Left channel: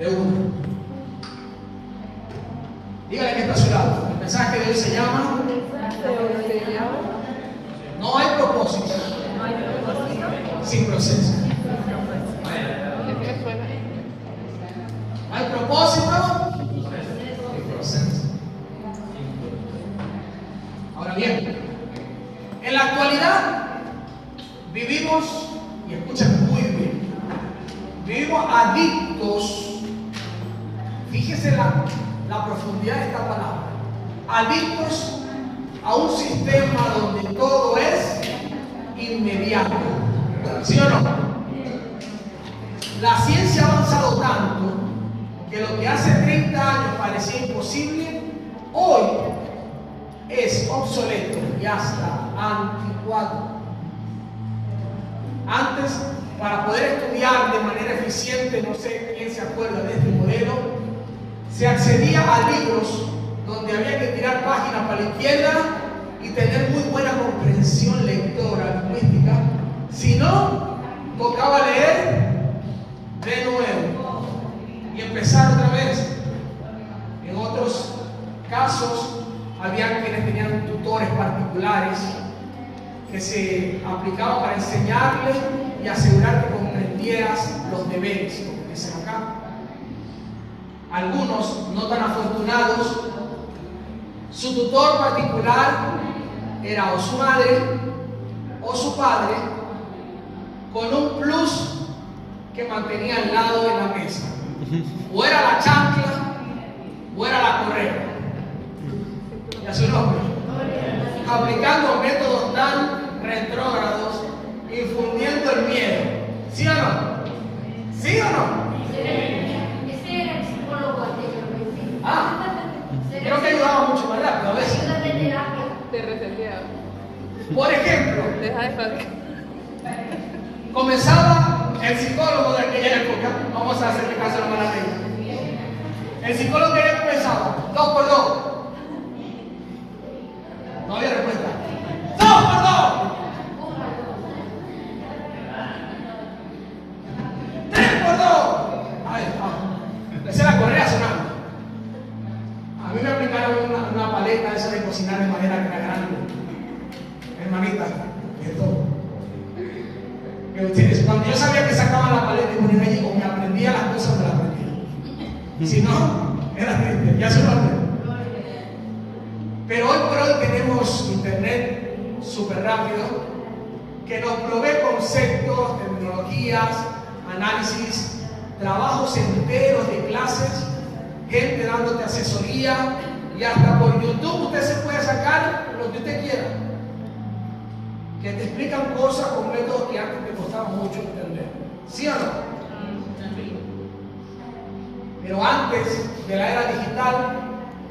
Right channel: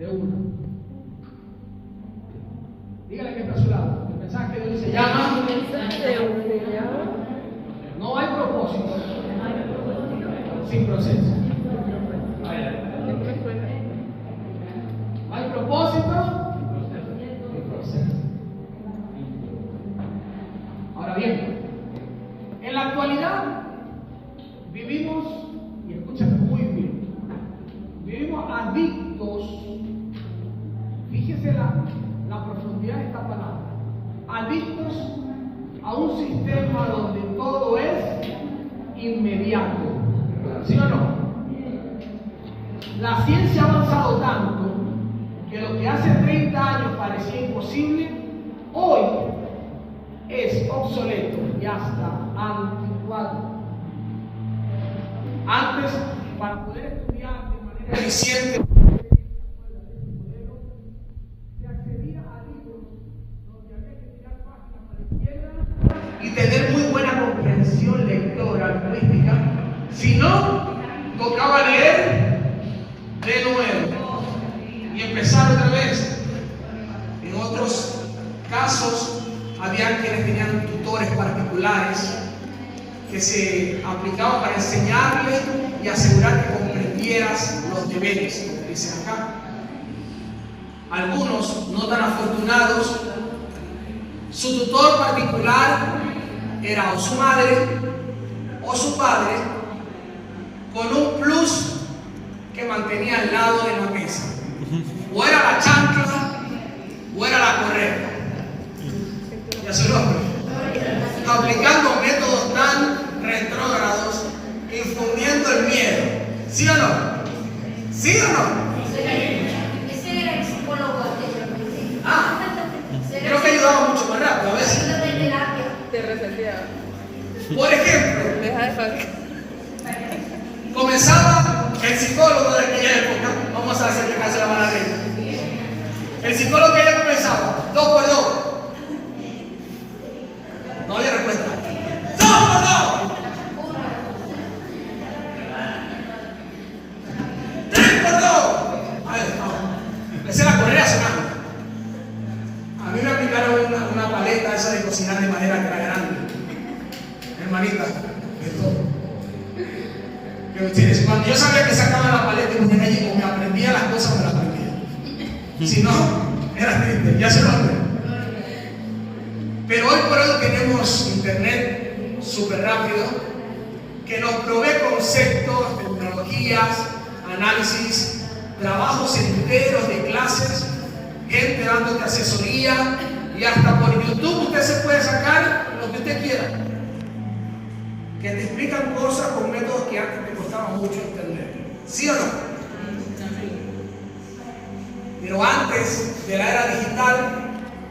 de uno. Dígale que está a su lado. El mensaje de hoy se llama No hay propósito sin proceso. No hay propósito sin proceso. Ahora bien, en la actualidad vivimos, y escuchen muy bien, vivimos adictos. Fíjese la profundidad de esta palabra. Adictos a un sistema donde todo es inmediato. ¿Sí o no? La ciencia ha avanzado tanto que lo que hace 30 años parecía imposible, hoy es obsoleto y hasta anticuado. Antes, para poder estudiar de manera eficiente, no sé quién se acuerda de este modelo, se accedía a libros donde había que tirar páginas para la izquierda y tener muy buena comprensión lectora, lingüística. Si no, tocaba leer de nuevo y empezar otra vez. En otros casos, había quienes tenían tutores particulares que se aplicaban para enseñarle y asegurar que comprendieras los deberes, como dicen acá. Algunos, no tan afortunados, su tutor particular era o su madre o su padre, con un plus que mantenía al lado de la mesa. O era la chancla o era la correa. Ya su nombre. Aplicando métodos tan retrógrados, infundiendo el miedo. ¿Sí o no? ¿Sí o no? Ese era el psicólogo anteriormente. Creo que ayudaba mucho más rápido a veces. Te reseteaba. Por ejemplo, Deja de fallar. comenzaba el psicólogo de aquella época. Vamos a hacerle caso a la mala ley. El psicólogo que ya comenzaba, 2 por 2. No había respuesta. 2 por 2. 3 por 2. Ahí está. Empecé la correa sonando. A mí me aplicaron una paleta esa de cocinar de manera que era grande. Hermanita, esto. Cuando yo sabía que sacaban la paleta y ponía allí, como me aprendía las cosas, me las aprendía. Si no, era triste, ya se lo aprendí. Pero hoy por hoy tenemos internet súper rápido que nos provee conceptos, tecnologías, análisis, trabajos enteros de clases, gente dándote asesoría, y hasta por YouTube usted se puede sacar lo que usted quiera, que te explican cosas con métodos que antes te costaban mucho entender. ¿Sí o no? Pero antes de la era digital,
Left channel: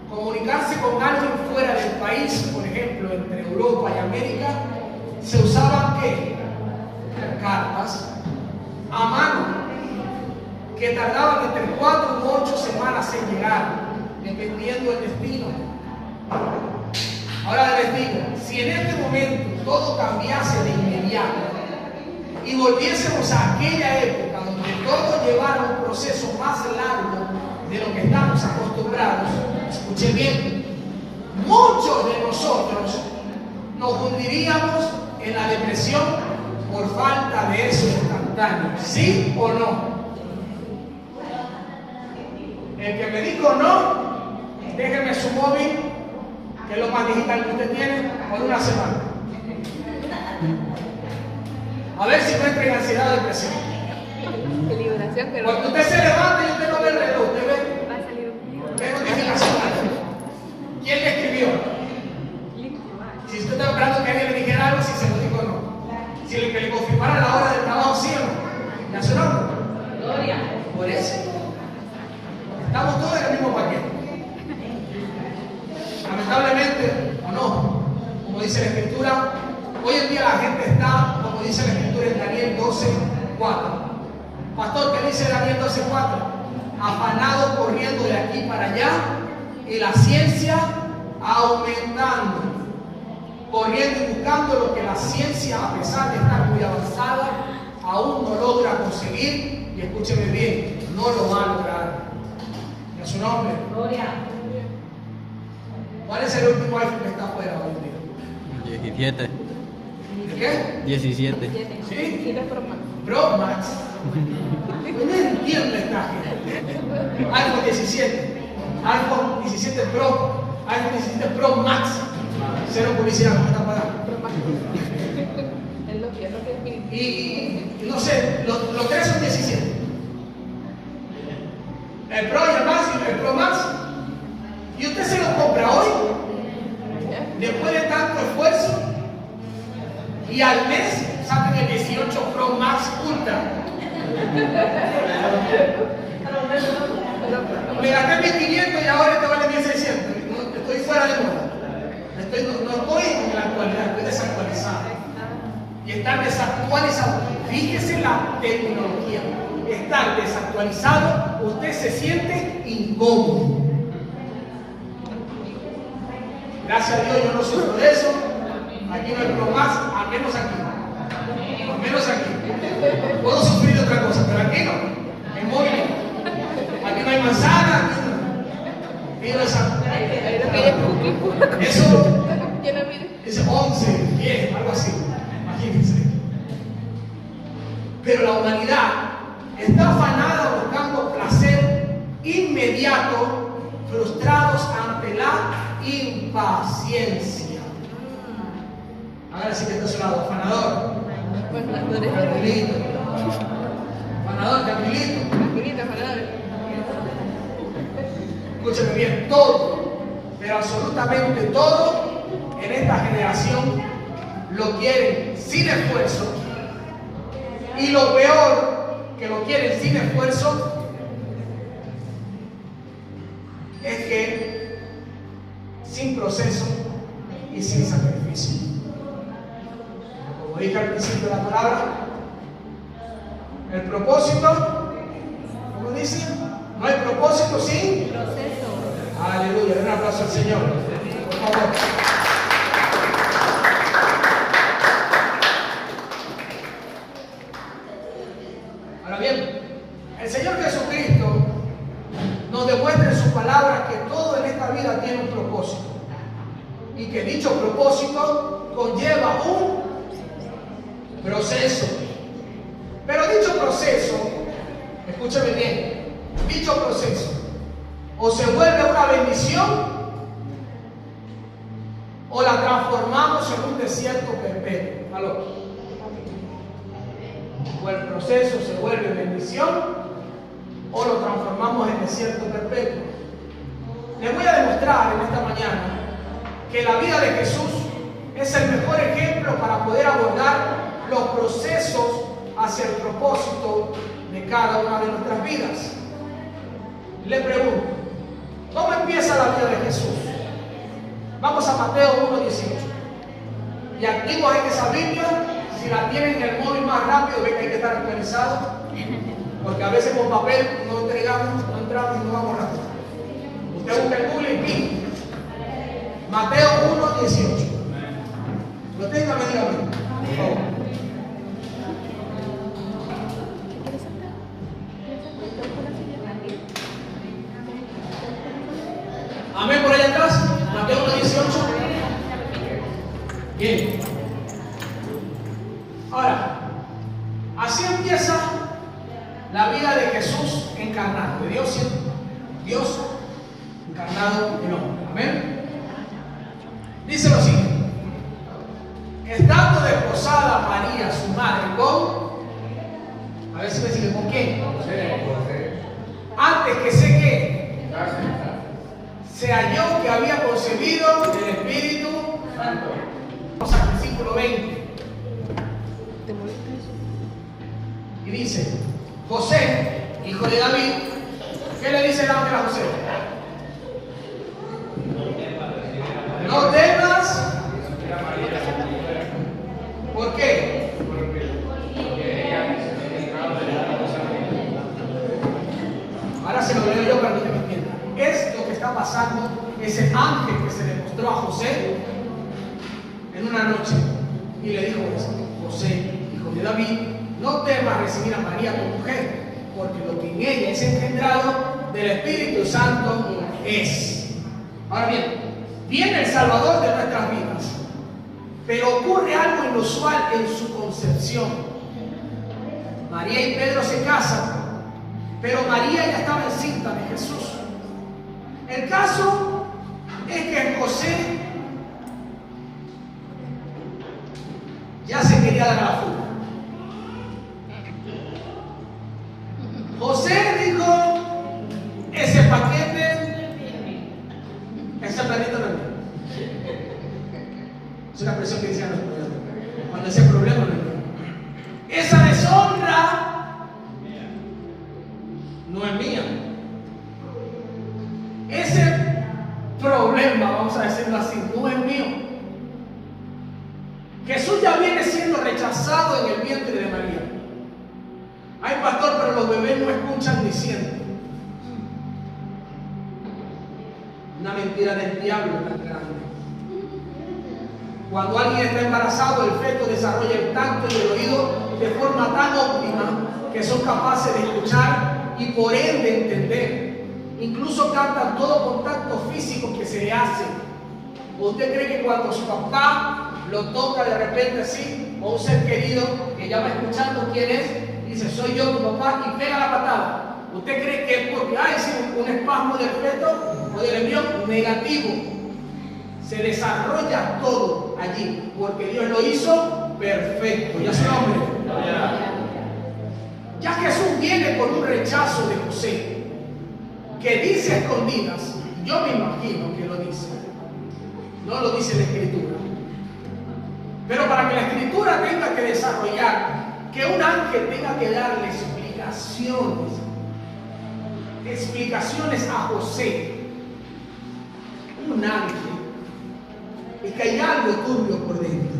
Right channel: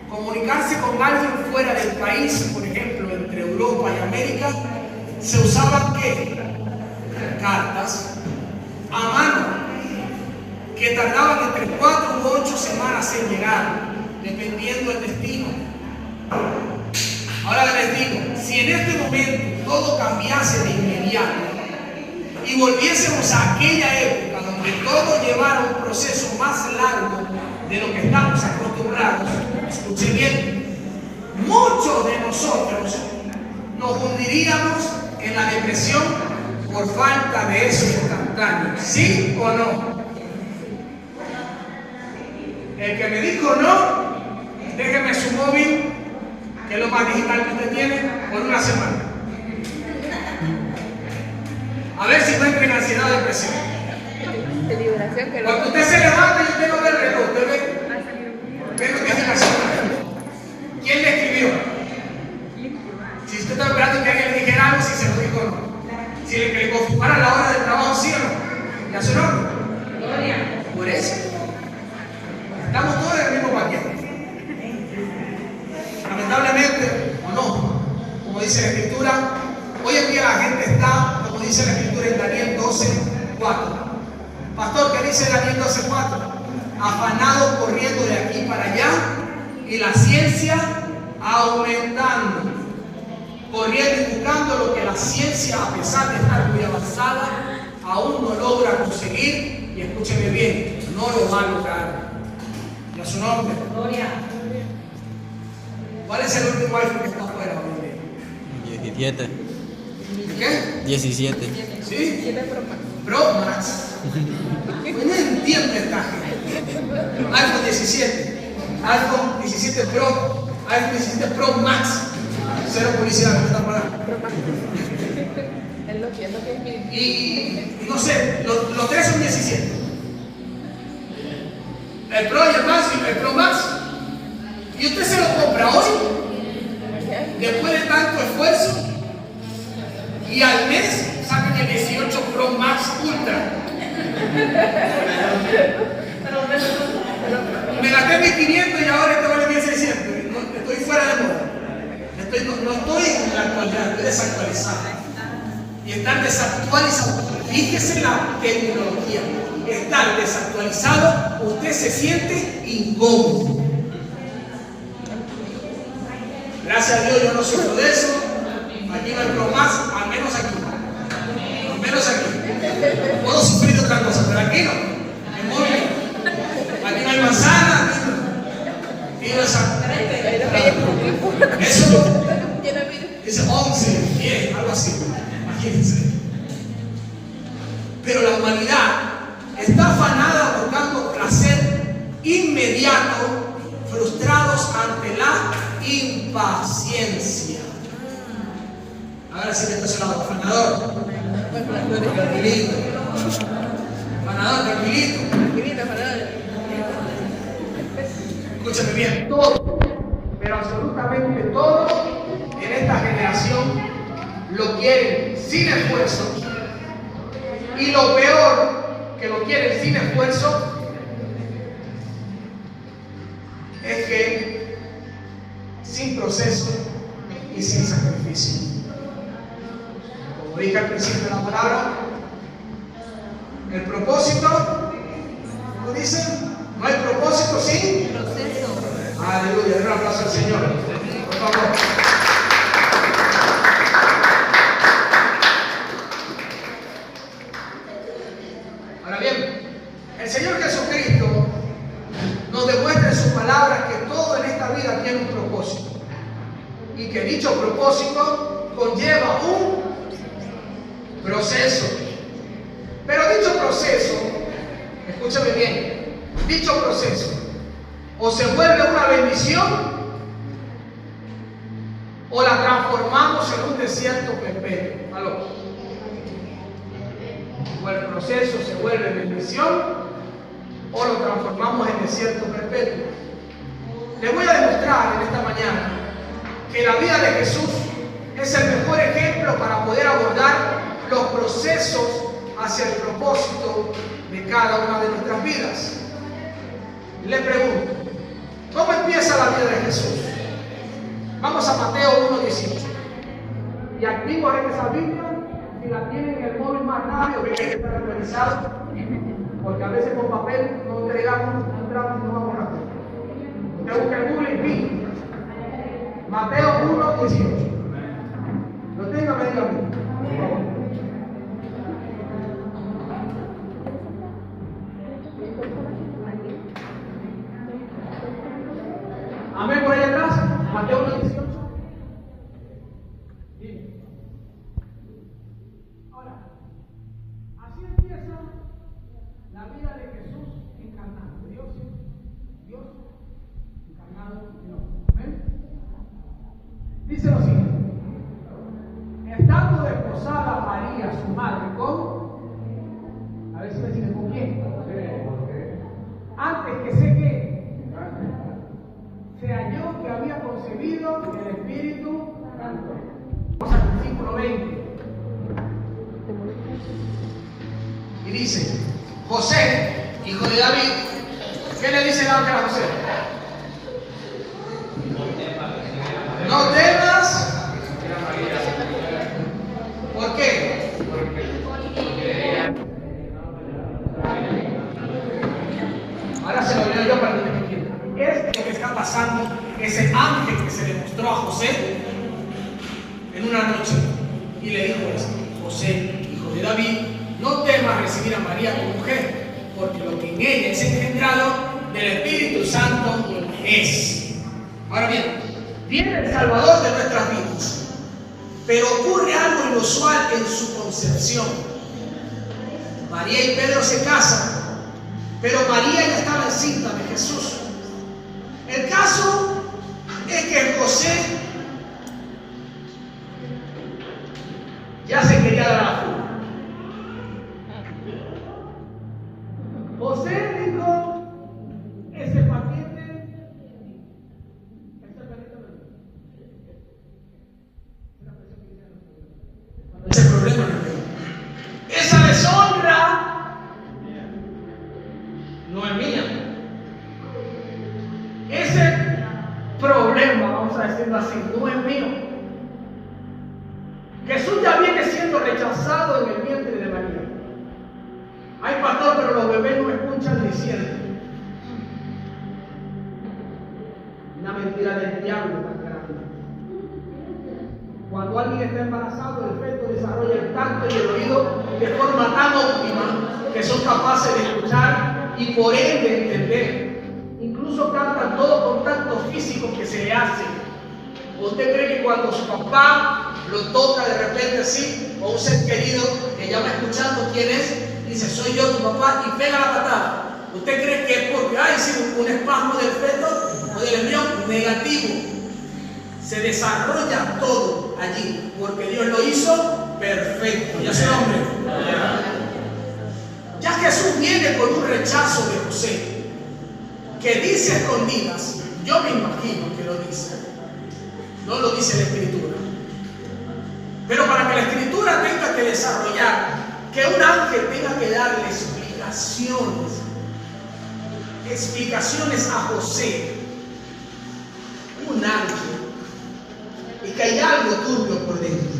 comunicarse con alguien fuera del país, por ejemplo, entre Europa y América, se usaban ¿qué? Cartas a mano, que tardaban entre 4 u 8 semanas en llegar, dependiendo del destino. Ahora les digo, si en este momento todo cambiase de inmediato y volviésemos a aquella época donde todo llevara un proceso más largo de lo que estamos acostumbrados, escuchen bien, muchos de nosotros nos hundiríamos en la depresión por falta de eso instantáneo. ¿Sí o no? El que me dijo no, déjeme su móvil, que es lo más digital que usted tiene, por una semana. A ver si no entra en ansiedad o depresión. Cuando usted se levanta y usted no ve el reloj, usted ve notificación. ¿Quién le escribió? Si usted está esperando que alguien le dijera algo, si se lo dijo o no. Si le confirmara la hora del trabajo, sí o no. ¿Ya sonó? Gloria. Por eso. Estamos todos en el mismo paquete. Lamentablemente, o no, como dice la Escritura, hoy en día la gente está, como dice la Escritura en Daniel 12:4. Pastor, ¿qué dice Daniel 12:4? Afanado corriendo de aquí para allá y la ciencia aumentando, corriendo y buscando lo que la ciencia, a pesar de estar muy avanzada, aún no logra conseguir, y escúcheme bien, no lo va a lograr. su nombre. Gloria. ¿Cuál es el último iPhone que está afuera hoy? 17. ¿De qué? 17. ¿Sí? 7 Pro Max. Pro Max. Pues no entiendo esta gente. iPhone 17. iPhone 17 Pro. iPhone 17 Pro Max. Cero publicidad, ¿no me están pagando? Pro Max. El Nokia es Y no sé, los tres son 17. El Pro y el Max y el Pro Max. Y usted se lo compra hoy, después de tanto esfuerzo, y al mes sacan el 18 Pro Max Ultra. Me gasté 1.500 y ahora este vale 1.600. Estoy fuera de moda. No estoy en la actualidad, estoy desactualizado. Y estar desactualizado, fíjese la tecnología. Estar desactualizado, usted se siente incómodo. Gracias a Dios yo no sufro de eso. Aquí no hay Pro Max, al menos aquí. Al menos aquí. Puedo sufrir de otra cosa, pero aquí no. En móvil. Aquí no hay manzana, aquí no. Y eso es 11, 10, algo así. Imagínense. Pero la humanidad está afanada buscando placer inmediato, frustrados ante la impaciencia. Ahora sí que esto es lado, afanador. Tranquilito. Afanador, tranquilito. Escúchame bien, todo, pero absolutamente todo en esta generación lo quieren sin esfuerzo. Y lo peor que lo quieren sin esfuerzo es que sin proceso y sin sacrificio. Como dije al principio de la palabra, el propósito, ¿cómo dice? No hay propósito sin Proceso. aleluya. Den un aplauso al Señor, por favor. Ahora bien, el Señor Jesucristo nos demuestra en su palabra que todo en esta vida tiene un propósito y que dicho propósito conlleva un proceso. Pero dicho proceso, escúchame bien, dicho proceso o se vuelve una bendición o la transformamos en un desierto perpetuo. ¿Aló? O el proceso se vuelve bendición o lo transformamos en desierto perpetuo. Les voy a demostrar en esta mañana que la vida de Jesús es el mejor ejemplo para poder abordar los procesos hacia el propósito de cada una de nuestras vidas. Le pregunto, ¿cómo empieza la vida de Jesús? Vamos a Mateo 1:18. Y activos en esa Biblia, si la tienen en el móvil más rápido, ven que hay que estar actualizado, porque a veces con papel no entregamos, no entramos y no vamos rápido. Usted busca en Google y pin. Mateo 1:18. Lo tenga, me diga a mí, por favor. Amén por allá atrás. Mateo 1:18. Bien. Ahora, así empieza la vida de Jesús encarnado, de Dios encarnado en hombre. Amén. Dice lo siguiente: estando desposada María, su madre, con, a ver si me sigue, ¿con quién? Antes que se halló que había concebido del Espíritu Santo. Vamos al versículo 20. Y dice: José, hijo de David, ¿qué le dice el ángel a José? No temas. ¿Por qué? Ahora se lo leo yo para que usted me entienda. Es lo que está pasando, ese ángel que se le mostró a José en una noche y le dijo eso: José, hijo de David, no temas recibir a María como mujer, porque lo que en ella es engendrado del Espíritu Santo es. Ahora bien, viene el Salvador de nuestras vidas, pero ocurre algo inusual en su concepción. María y Pedro se casan, pero María ya estaba encinta de Jesús. El caso es que José ya se quería dar a la fuga. José dijo, ese paquete, ese planeta no es mío. Es una expresión que dicen los problemas. Cuando ese problema no es mío. Esa deshonra no es mía. Ese problema, vamos a decirlo así, no es mío. Jesús ya viene siendo rechazado en el vientre de María. Ay, pastor, pero los bebés no escuchan ni sienten. Una mentira del diablo tan grande. Cuando alguien está embarazado, el feto desarrolla el tacto y el oído de forma tan óptima que son capaces de escuchar y por ende entender. Incluso captan todo contacto físico que se le hace. ¿Usted cree que cuando su papá lo toca de repente así, o un ser querido que ya va escuchando quién es, dice, soy yo tu papá, y pega la patada? ¿Usted cree que es porque hay un espasmo del feto o del embrión? Negativo. Se desarrolla todo allí, porque Dios lo hizo perfecto. Ya se hombre. Ya Jesús viene con un rechazo de José, que dice a escondidas, yo me imagino que lo dice, no lo dice la Escritura, pero para que la Escritura tenga que desarrollar, que un ángel tenga que darle explicaciones a José, un ángel, y que hay algo turbio por dentro,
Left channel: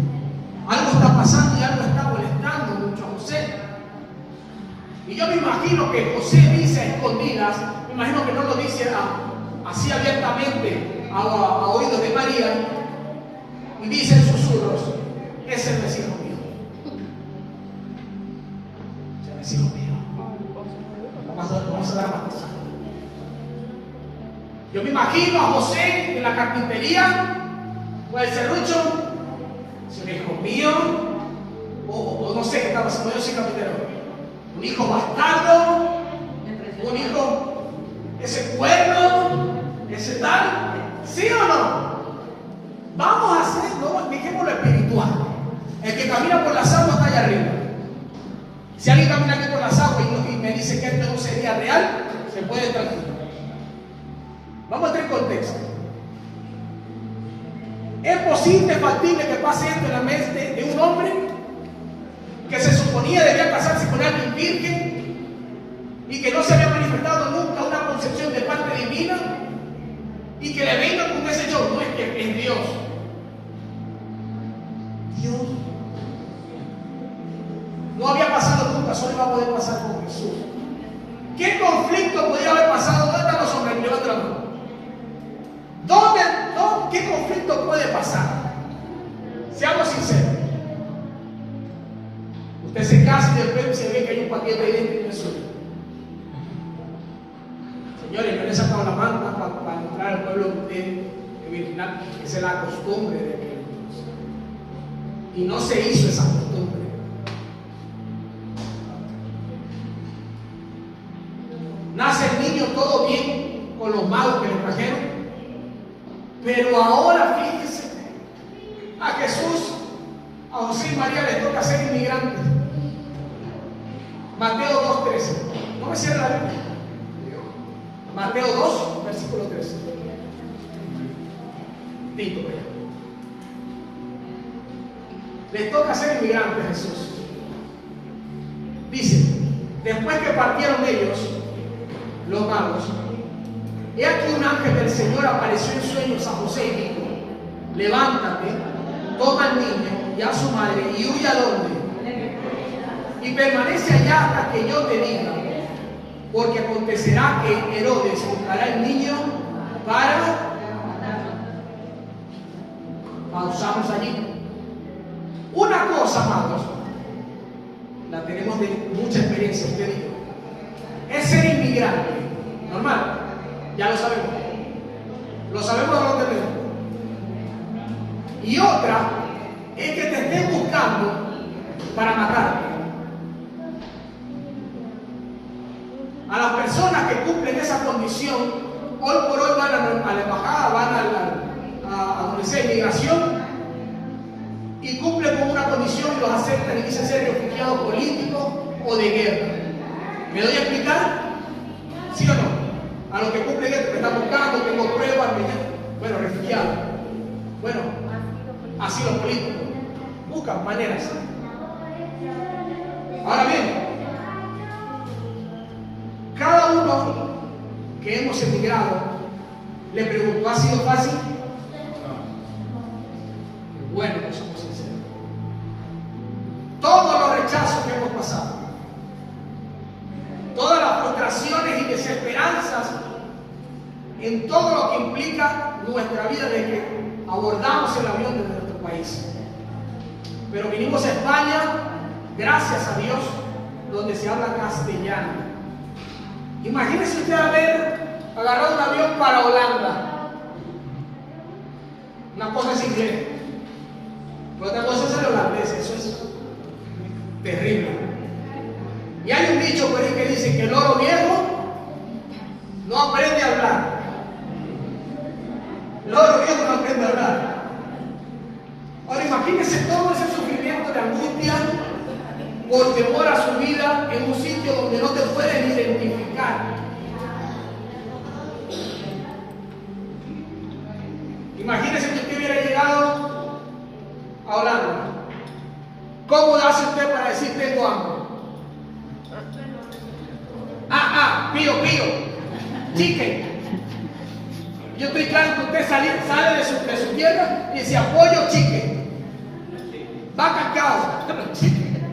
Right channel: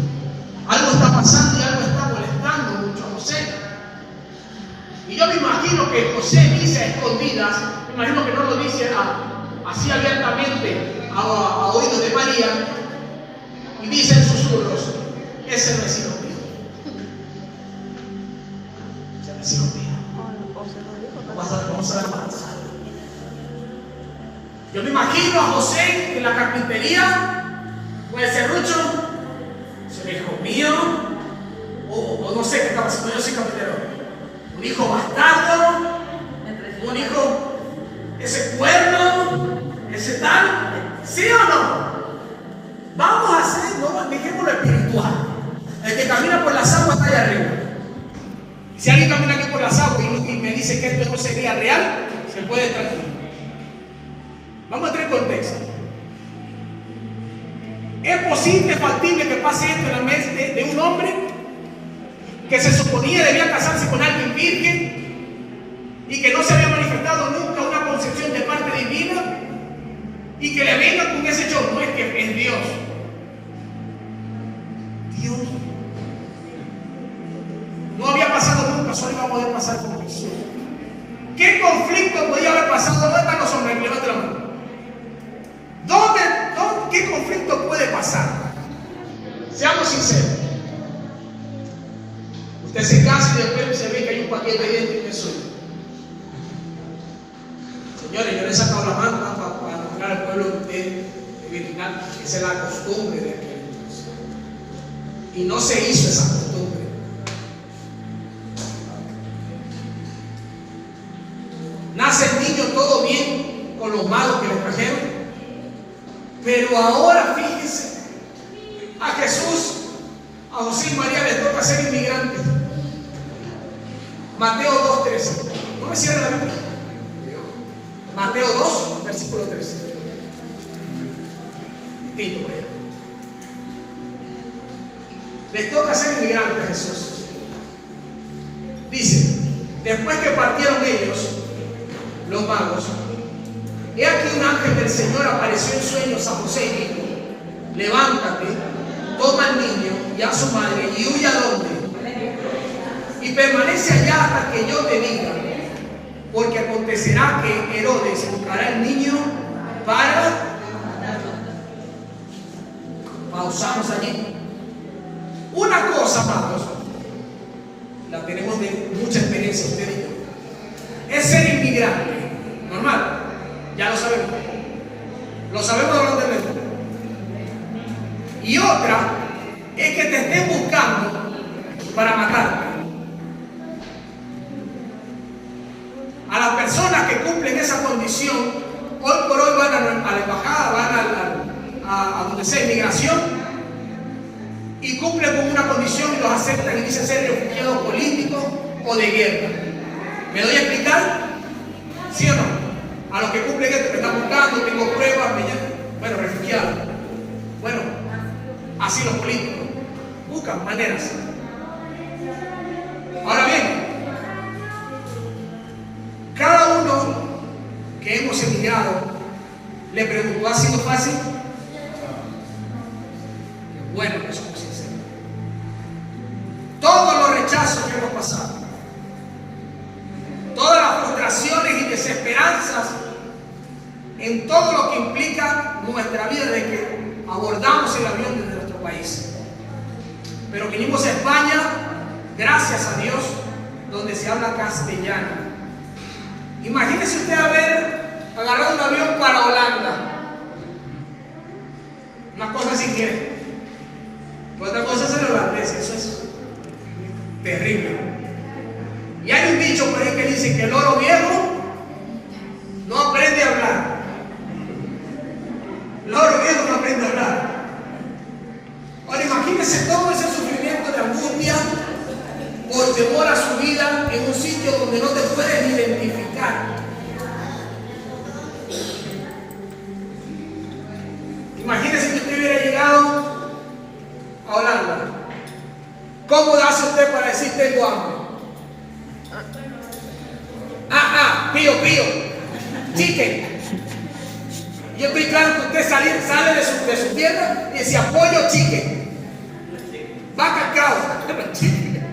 algo está pasando y algo está molestando mucho a José. Y yo me imagino que José dice a escondidas, me imagino que no lo dice así abiertamente a oídos de María, y dice en susurros, ese no es hijo mío. Ese no es hijo mío. Vamos a dar más. Yo me imagino a José en la carpintería, con el serrucho, ese es hijo mío, o no sé qué estaba haciendo, yo soy carpintero. Un hijo bastardo, un hijo, ese cuerno, ese tal, ¿sí o no? Vamos a hacer, no, dejémoslo espiritual. El que camina por las aguas está allá arriba. Si alguien camina aquí por las aguas y me dice que esto no sería real, se puede tranquilo. Vamos a entrar en contexto. ¿Es posible, factible que pase esto en la mente de un hombre que se suponía debía casarse con alguien virgen y que no se había manifestado nunca una concepción de parte divina, y que le venga con ese show? No es que es Dios. Dios no había pasado nunca, solo iba a poder pasar con Jesús. ¿Qué conflicto podía haber pasado? ¿Dónde están los hombres? Levanta la mano. ¿Qué conflicto puede pasar? Seamos sinceros. Usted se casa y después se ve que hay un paquete ahí dentro y que es suyo. Señores, yo le he sacado la mano para entrar al pueblo de ustedes de Vietnam. Esa es la costumbre de aquel entonces. Y no se hizo esa costumbre. Nace el niño todo bien con los magos que le trajeron. Pero ahora fíjense, a Jesús, a José y María les toca ser inmigrantes. Mateo 2:13. No me cierre la Biblia. Mateo 2, versículo 13. Tito, les toca ser inmigrantes a Jesús. Dice, después que partieron ellos, los magos, he aquí un ángel del Señor apareció en sueños a José y dijo, levántate, toma al niño y a su madre y huye a donde, y permanece allá hasta que yo te diga, porque acontecerá que Herodes buscará al niño para... Pausamos allí. Una cosa, amados, la tenemos de mucha experiencia usted y yo, es ser inmigrante, normal. Ya lo sabemos. Lo sabemos o lo entendemos. Y otra es que te estén buscando para matarte. A las personas que cumplen esa condición, hoy por hoy van a la embajada, van a donde sea inmigración y cumplen con una condición y los aceptan y dicen ser refugiados políticos o de guerra. ¿Me doy a explicar? ¿Sí o no? A los que cumplen esto, que están buscando, tengo pruebas, bueno, refugiados. Bueno, así los políticos buscan maneras. Ahora bien, cada uno que hemos emigrado le preguntó: ¿ha sido fácil? Qué bueno que somos sinceros. Todos los rechazos que hemos pasado, todas las frustraciones y desesperanzas en todo lo que implica nuestra vida de que abordamos el avión de nuestro país. Pero vinimos a España, gracias a Dios, donde se habla castellano. Imagínese usted haber agarrado un avión para Holanda. Una cosa es inglés, otra cosa es el holandés. Eso es terrible. Y hay un dicho por ahí que dice que el loro viejo no aprende a hablar. El loro viejo no aprende a hablar. Ahora imagínense todo ese sufrimiento de angustia por temor a su vida en un sitio donde no te pueden identificar. Imagínese que usted hubiera llegado a Holanda. ¿Cómo hace usted para decir tengo hambre? Pío, chicken. Yo estoy claro que usted sale de su tierra y decía pollo, chicken. Vaca, cow, chicken.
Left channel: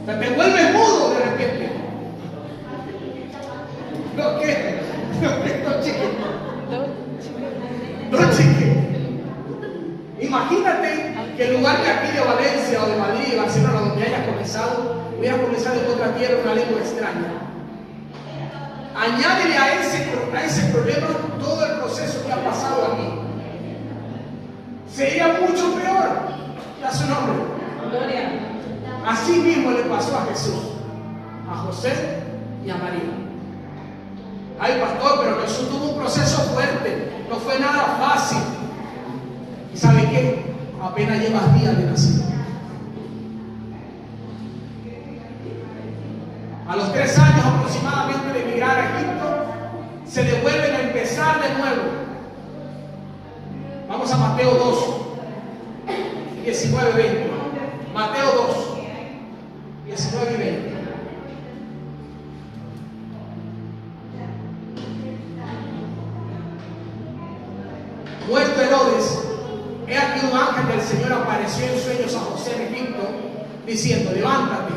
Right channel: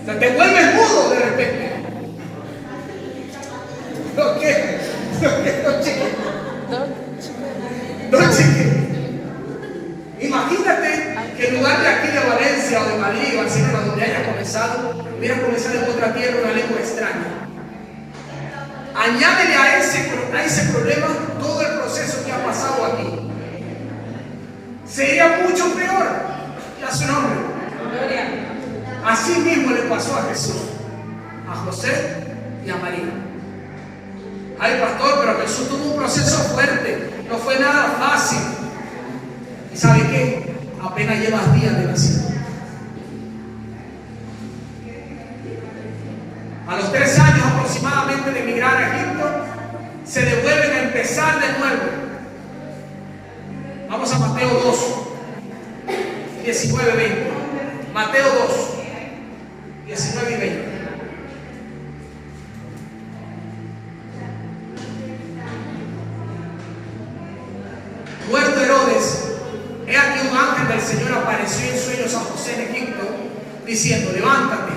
O sea, te vuelves mudo de repente. ¿No qué? No, chicken. No, chicken. Imagínate que en lugar de aquí de Valencia o de Madrid o Barcelona, donde hayas comenzado, hubieras comenzado en otra tierra, una lengua extraña. Añádele a ese problema todo el proceso que ha pasado aquí. Sería mucho peor. Ya su nombre. Así mismo le pasó a Jesús, a José y a María. Ay, pastor, pero Jesús tuvo un proceso fuerte. No fue nada fácil. ¿Y sabe qué? Apenas llevas días de nacido. A los 3 años aproximadamente de emigrar a Egipto, se devuelven a empezar de nuevo. Vamos a Mateo 2, 19 y 20. Mateo 2, 19 y 20. Muerto Herodes, he aquí un ángel del Señor apareció en sueños a José en Egipto, diciendo: levántate,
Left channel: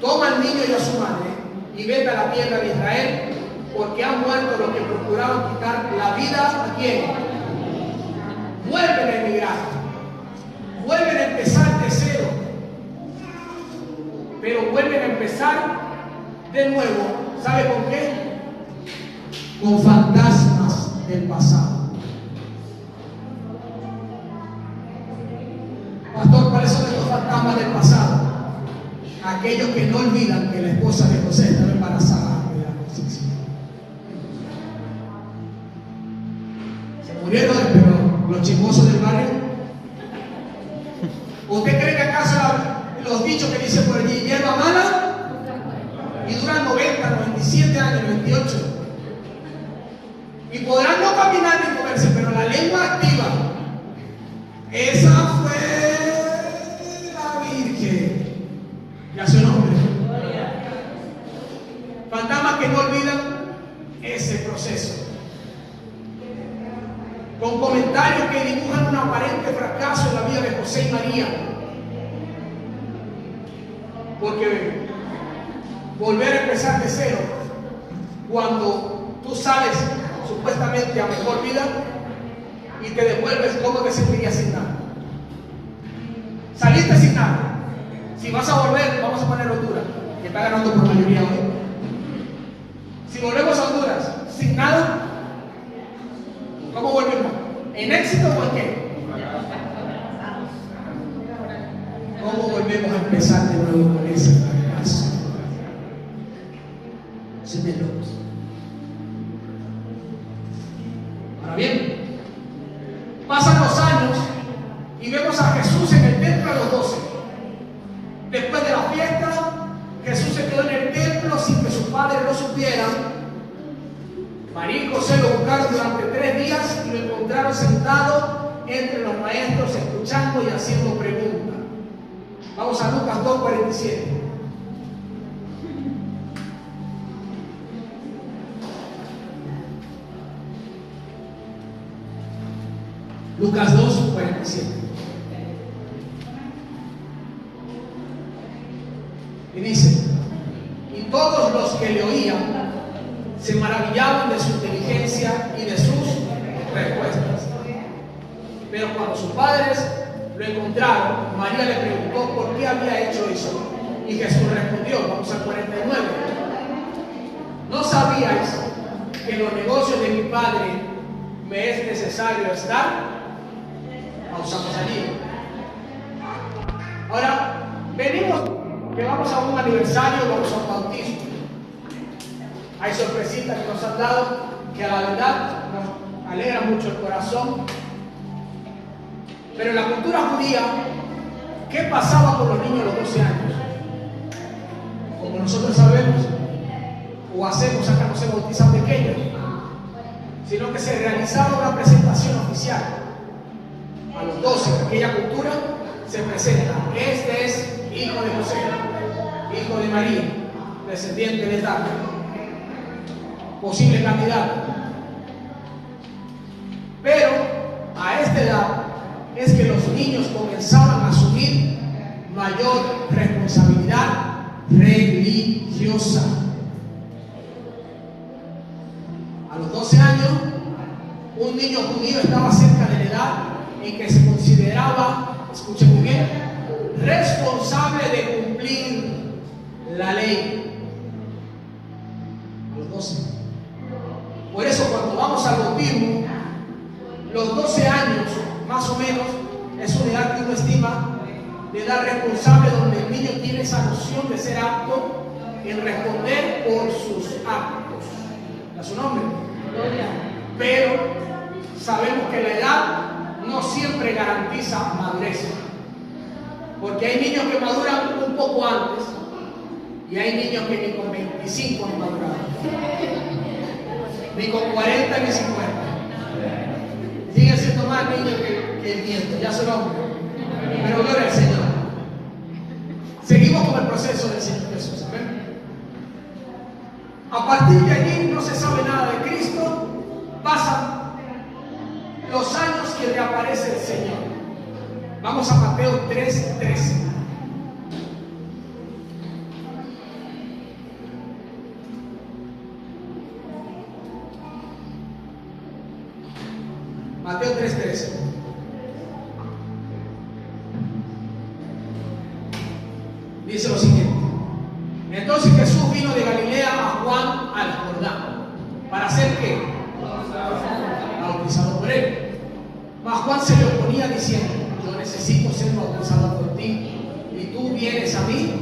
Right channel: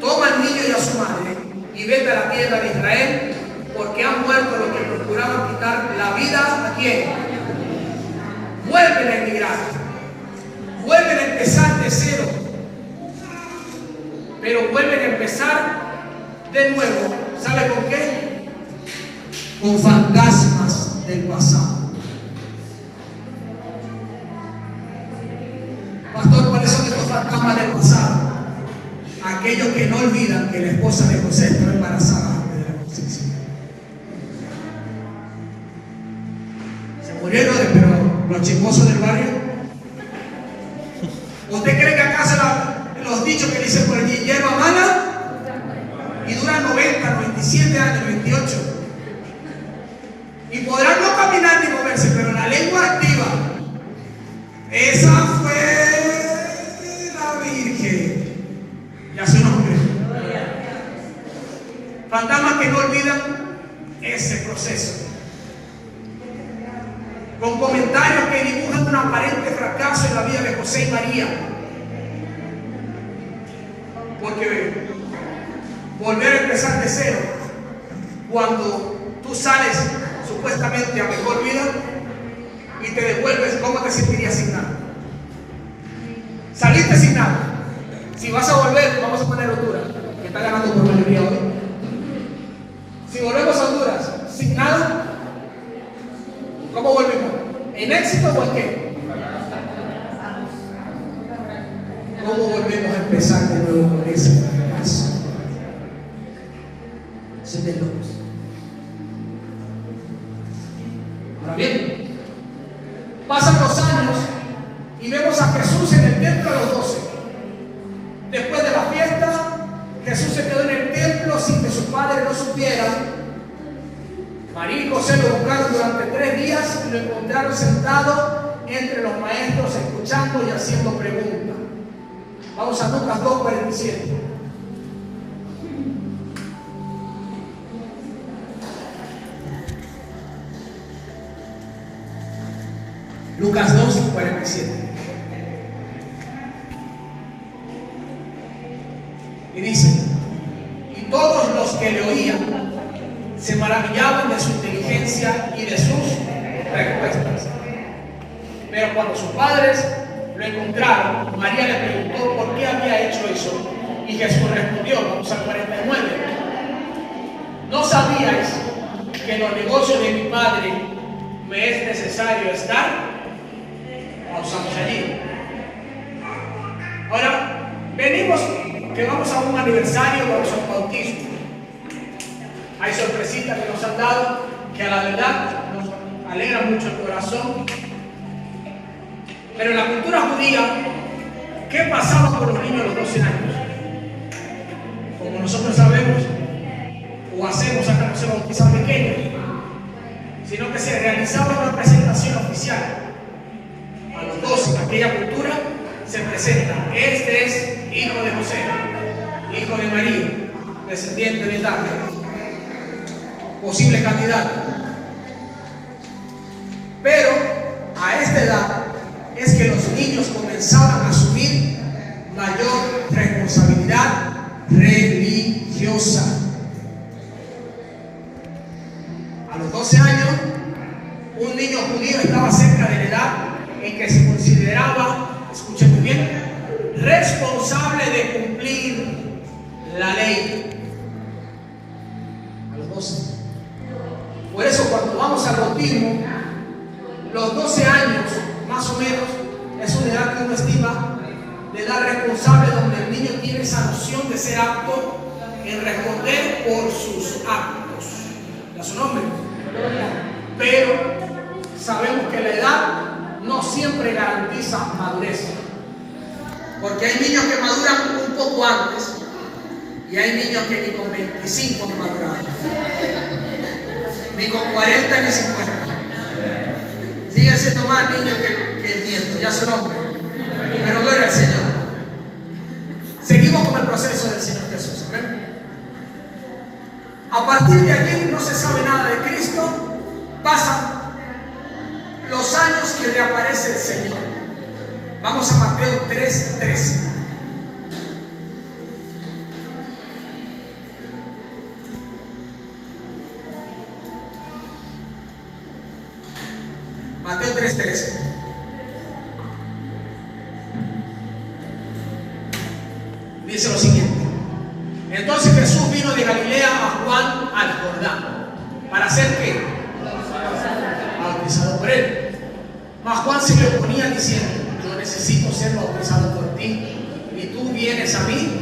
toma al niño y a su madre y vete a la tierra de Israel, porque han muerto los que procuraban quitar la vida ¿a quién? Vuelven a emigrar, vuelven a empezar de cero, pero vuelven a empezar de nuevo. ¿Sabe con qué? Con fantasmas del pasado. Pastor, ¿cuáles son estos fantasmas del pasado? Aquellos que no olvidan que la esposa de José estaba embarazada de la concepción. Se murieron, pero los chismosos del barrio. ¿Usted cree que acaso los dichos que dicen por allí, hierba mala y duran 90, 97 años, 98? Y podrán no caminar ni moverse, pero la lengua activa, esa fue ya su nombre. Fantasmas que no olvidan ese proceso, con comentarios que dibujan un aparente fracaso en la vida de José y María, porque volver a empezar de cero cuando tú sales supuestamente a mejor vida y te devuelves, ¿cómo te sentirías sin nada? Saliste sin nada. Si vas a volver empezar de nuevo con ese fracaso. Sin de locos. Ahora bien, pasan los años y vemos a Jesús en el templo a los 12. Después de la fiesta, Jesús se quedó en el templo sin que sus padres lo supieran. María y José lo buscaron durante 3 días y lo encontraron sentado entre los maestros, escuchando y haciendo preguntas. Vamos a Lucas 2:47. Lucas 2:47. Y dice: y todos los que le oían se maravillaban de su inteligencia y de sus respuestas. Pero cuando sus padres lo encontraron, María le preguntó por qué había hecho eso. Y Jesús respondió, vamos al 49: ¿no sabíais que en los negocios de mi Padre me es necesario estar? Pausamos allí. Ahora, venimos que vamos a un aniversario, vamos a un bautismo. Hay sorpresitas que nos han dado que a la verdad nos alegra mucho el corazón. Pero en la cultura judía, ¿qué pasaba con los niños a los 12 años? Como nosotros sabemos o hacemos acá, no se bautizan pequeños, sino que se realizaba una presentación oficial. A los 12 en aquella cultura se presenta: este es hijo de José, hijo de María, descendiente de David, posible candidato. Pero a esta edad es que los niños comenzaban a asumir mayor responsabilidad religiosa. A los 12 años, un niño judío estaba cerca de la edad en que se consideraba, escuchen muy bien, responsable de cumplir la ley. A los 12. Por eso cuando vamos al bautismo, los 12 años más o menos es una edad que uno estima de edad responsable, donde el niño tiene esa noción de ser apto en responder por sus actos. ¿Da su nombre? Pero sabemos que la edad no siempre garantiza madurez, porque hay niños que maduran un poco antes y hay niños que ni con 25 han madurado, ni con 40 ni 50. Siguen siendo más niños que el nieto, ya son hombres, pero gloria al Señor. Seguimos con el proceso del Señor Jesús. ¿Ven? A partir de allí no se sabe nada de Cristo. Pasan los años que reaparece el Señor. Vamos a Mateo 3:13. Mateo 3:13. Dice lo siguiente: entonces Jesús vino de Galilea a Juan al Jordán. ¿Para hacer qué? Bautizado por él. Mas Juan se le oponía diciendo: yo necesito ser bautizado por ti, y tú vienes a mí.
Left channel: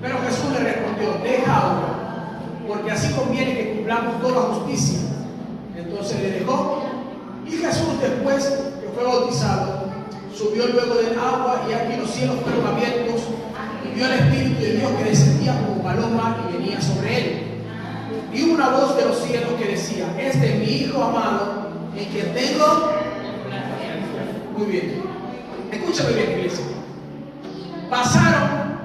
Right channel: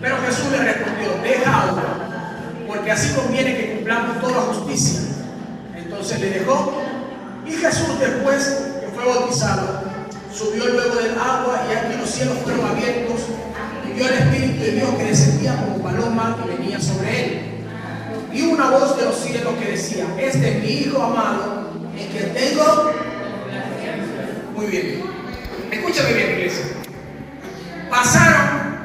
Pero Jesús le respondió: deja ahora, porque así conviene que cumplamos toda justicia. Entonces le dejó. Y Jesús, después que fue bautizado, subió luego del agua, y aquí los cielos fueron abiertos, y vio al Espíritu de Dios que descendía como paloma y venía sobre él. Y una voz de los cielos que decía: este es mi Hijo amado, en quien tengo. Muy bien, escúchame bien, iglesia. Pasaron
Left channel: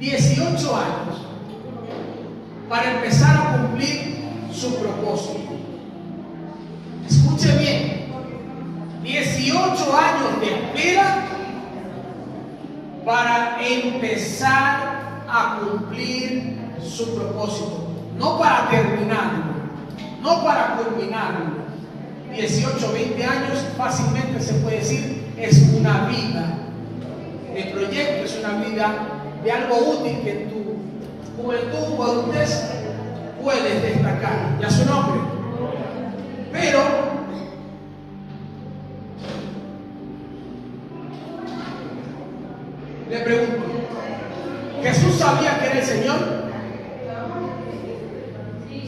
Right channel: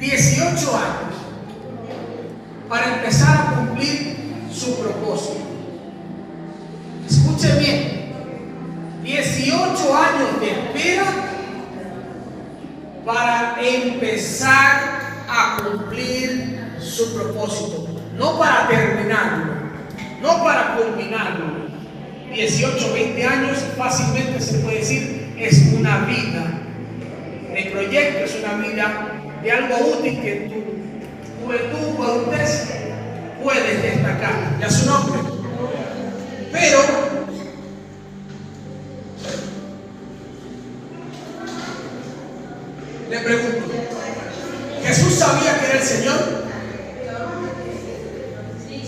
18 años para empezar a cumplir su propósito. Escuche bien, 18 años de espera para empezar a cumplir su propósito, no para terminarlo, no para culminarlo. 18, 20 años fácilmente se puede decir es una vida de proyecto, es una vida de algo útil que en tu juventud o adultez puedes destacar. Ya su nombre. Pero le pregunto, Señor?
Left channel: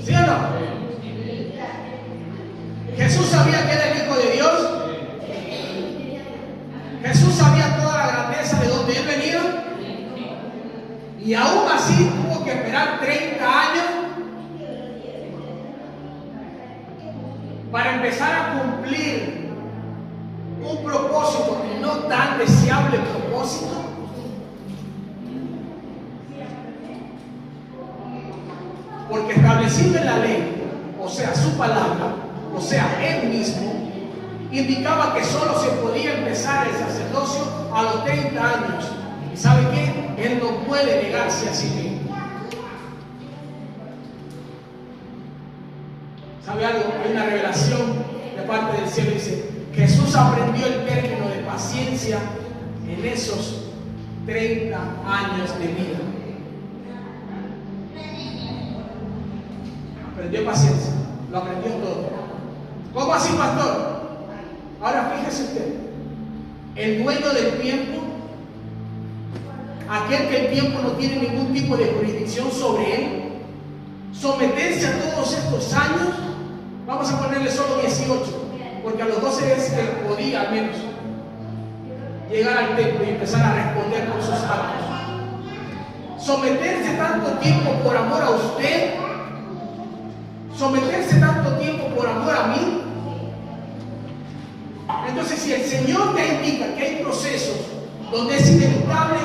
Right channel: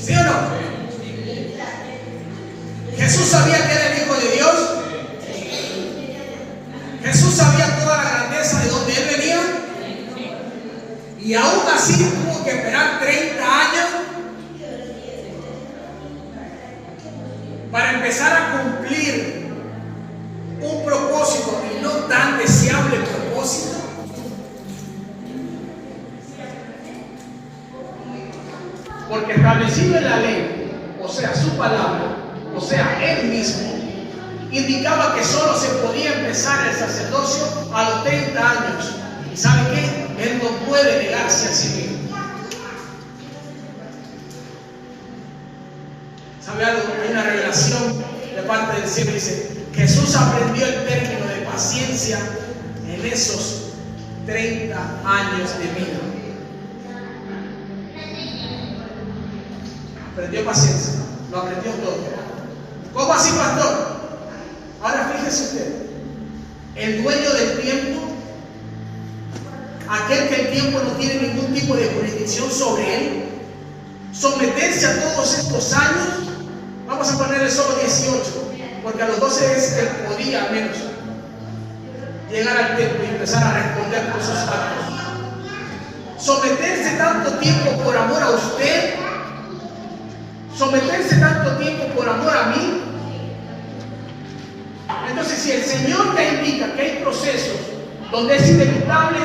¿Sí o no? Jesús sabía que era el Hijo de Dios. Jesús sabía toda la grandeza de donde Él venía. Y aún así tuvo que esperar 30 años para empezar a cumplir un propósito y no tan deseable propósito. Porque establecido en la ley, o sea, su palabra, o sea, Él mismo, indicaba que solo se podía empezar el sacerdocio a los 30 años. ¿Y sabe qué? Él no puede negarse a sí mismo. ¿Sabe algo? Hay una revelación de parte del cielo. Dice, Jesús aprendió el término de paciencia en esos 30 años de vida. Aprendió paciencia, lo aprendió todo. ¿Cómo así, pastor? Ahora fíjese usted, el dueño del tiempo, aquel que el tiempo no tiene ningún tipo de jurisdicción sobre él, someterse a todos estos años, vamos a ponerle solo 18, porque a los 12 es que podía al menos llegar al templo y empezar a responder por sus actos. Someterse tanto tiempo por amor a usted, someterse tanto tiempo por amor a mí. Entonces, si el Señor te indica que hay procesos donde es inevitable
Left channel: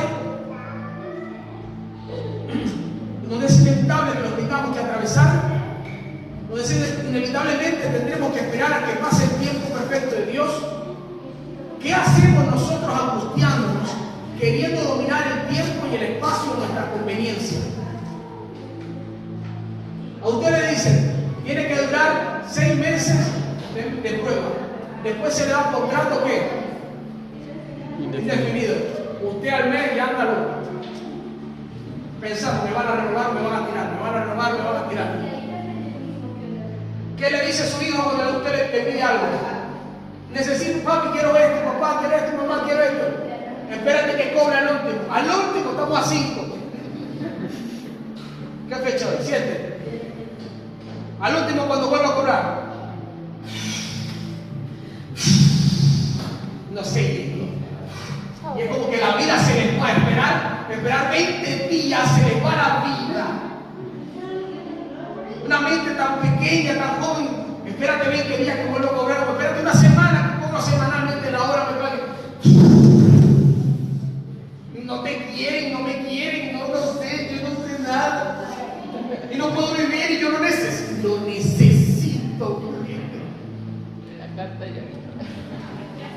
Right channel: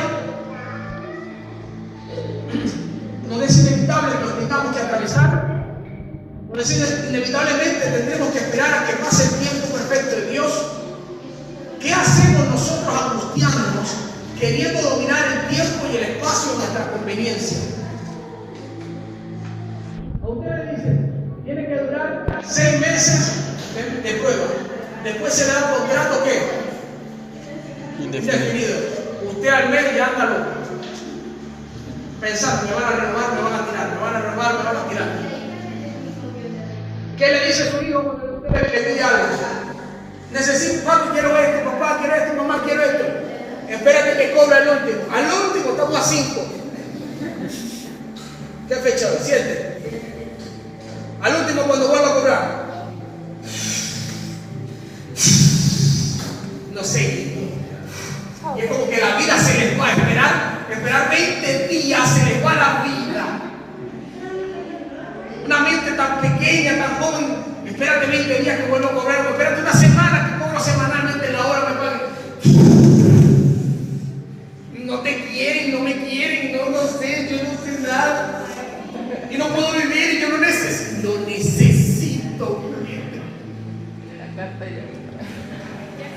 que los tengamos que atravesar, donde inevitablemente tendremos que esperar a que pase el tiempo perfecto de Dios, ¿qué hacemos nosotros angustiándonos, queriendo dominar el tiempo y el espacio a nuestra conveniencia? A usted le dicen, tiene que durar 6 meses de prueba. Después se le da un contrato ¿qué? Indefinido. Usted al mes ya anda loco, pensando, me van a renovar, me van a tirar, me van a renovar, me van a tirar. ¿Qué le dice su hijo cuando usted le pide algo? Necesito, papi, quiero esto, papá, quiero esto, mamá, quiero esto. Espérate que cobra el último. Al último estamos a 5. ¿Qué fecha hoy? 7. Al último cuando vuelva a cobrar. No sé. Y es como que la vida se les va a esperar 20 días se les va la vida. Una mente tan pequeña, tan joven, espérate 20 días que vuelvo a cobrar, o espérate una semana que cobro semanalmente la hora, me pague. No te quieren, no me quieren, no sé, yo no sé nada. Y no puedo vivir y yo lo necesito. La carta ya.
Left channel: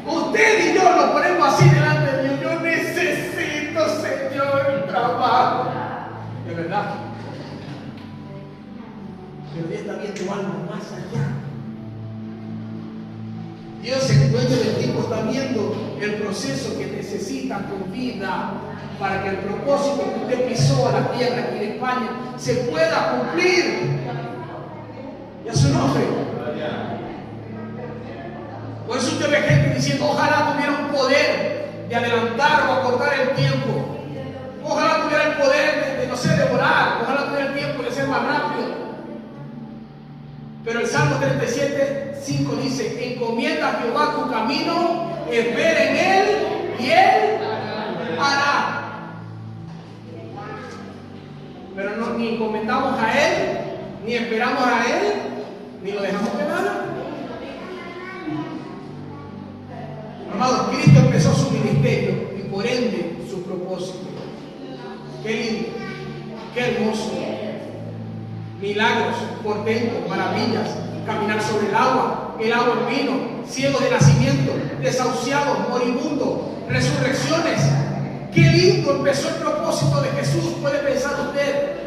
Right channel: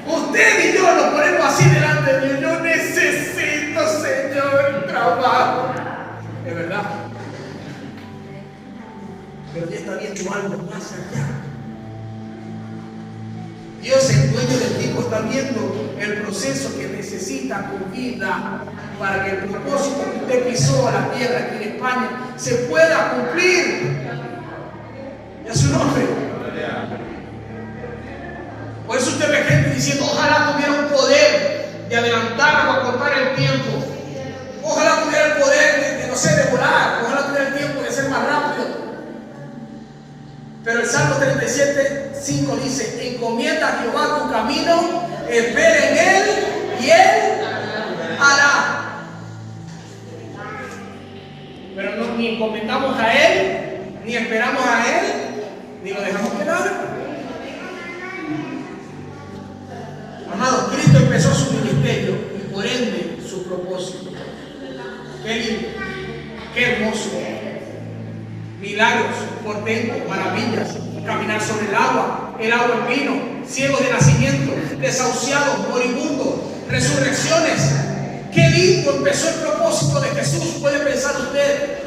Usted y yo nos ponemos así delante de Dios. Yo necesito, Señor, trabajo. Es verdad. Pero Dios está viendo algo más allá. Dios, el dueño del tiempo, está viendo el proceso que necesita tu vida para que el propósito que usted pisó a la tierra aquí en España se pueda cumplir. Y a su nombre. Por eso usted ve gente diciendo, ojalá tuviera un poder de adelantar o acortar el tiempo. Ojalá tuviera el poder de no sé, de volar. Ojalá tuviera el tiempo de ser más rápido. Pero el Salmo 37:5 dice, encomienda a Jehová tu camino, espera en Él y Él hará. Pero no, ni encomendamos a Él, ni esperamos a Él, ni lo dejamos que nada. Amados, Cristo empezó su ministerio y por ende su propósito. Qué lindo, qué hermoso. Milagros, portentos, maravillas, caminar sobre el agua en vino, ciegos de nacimiento, desahuciados, moribundos, resurrecciones. Qué lindo empezó el propósito de Jesús, puede pensar usted.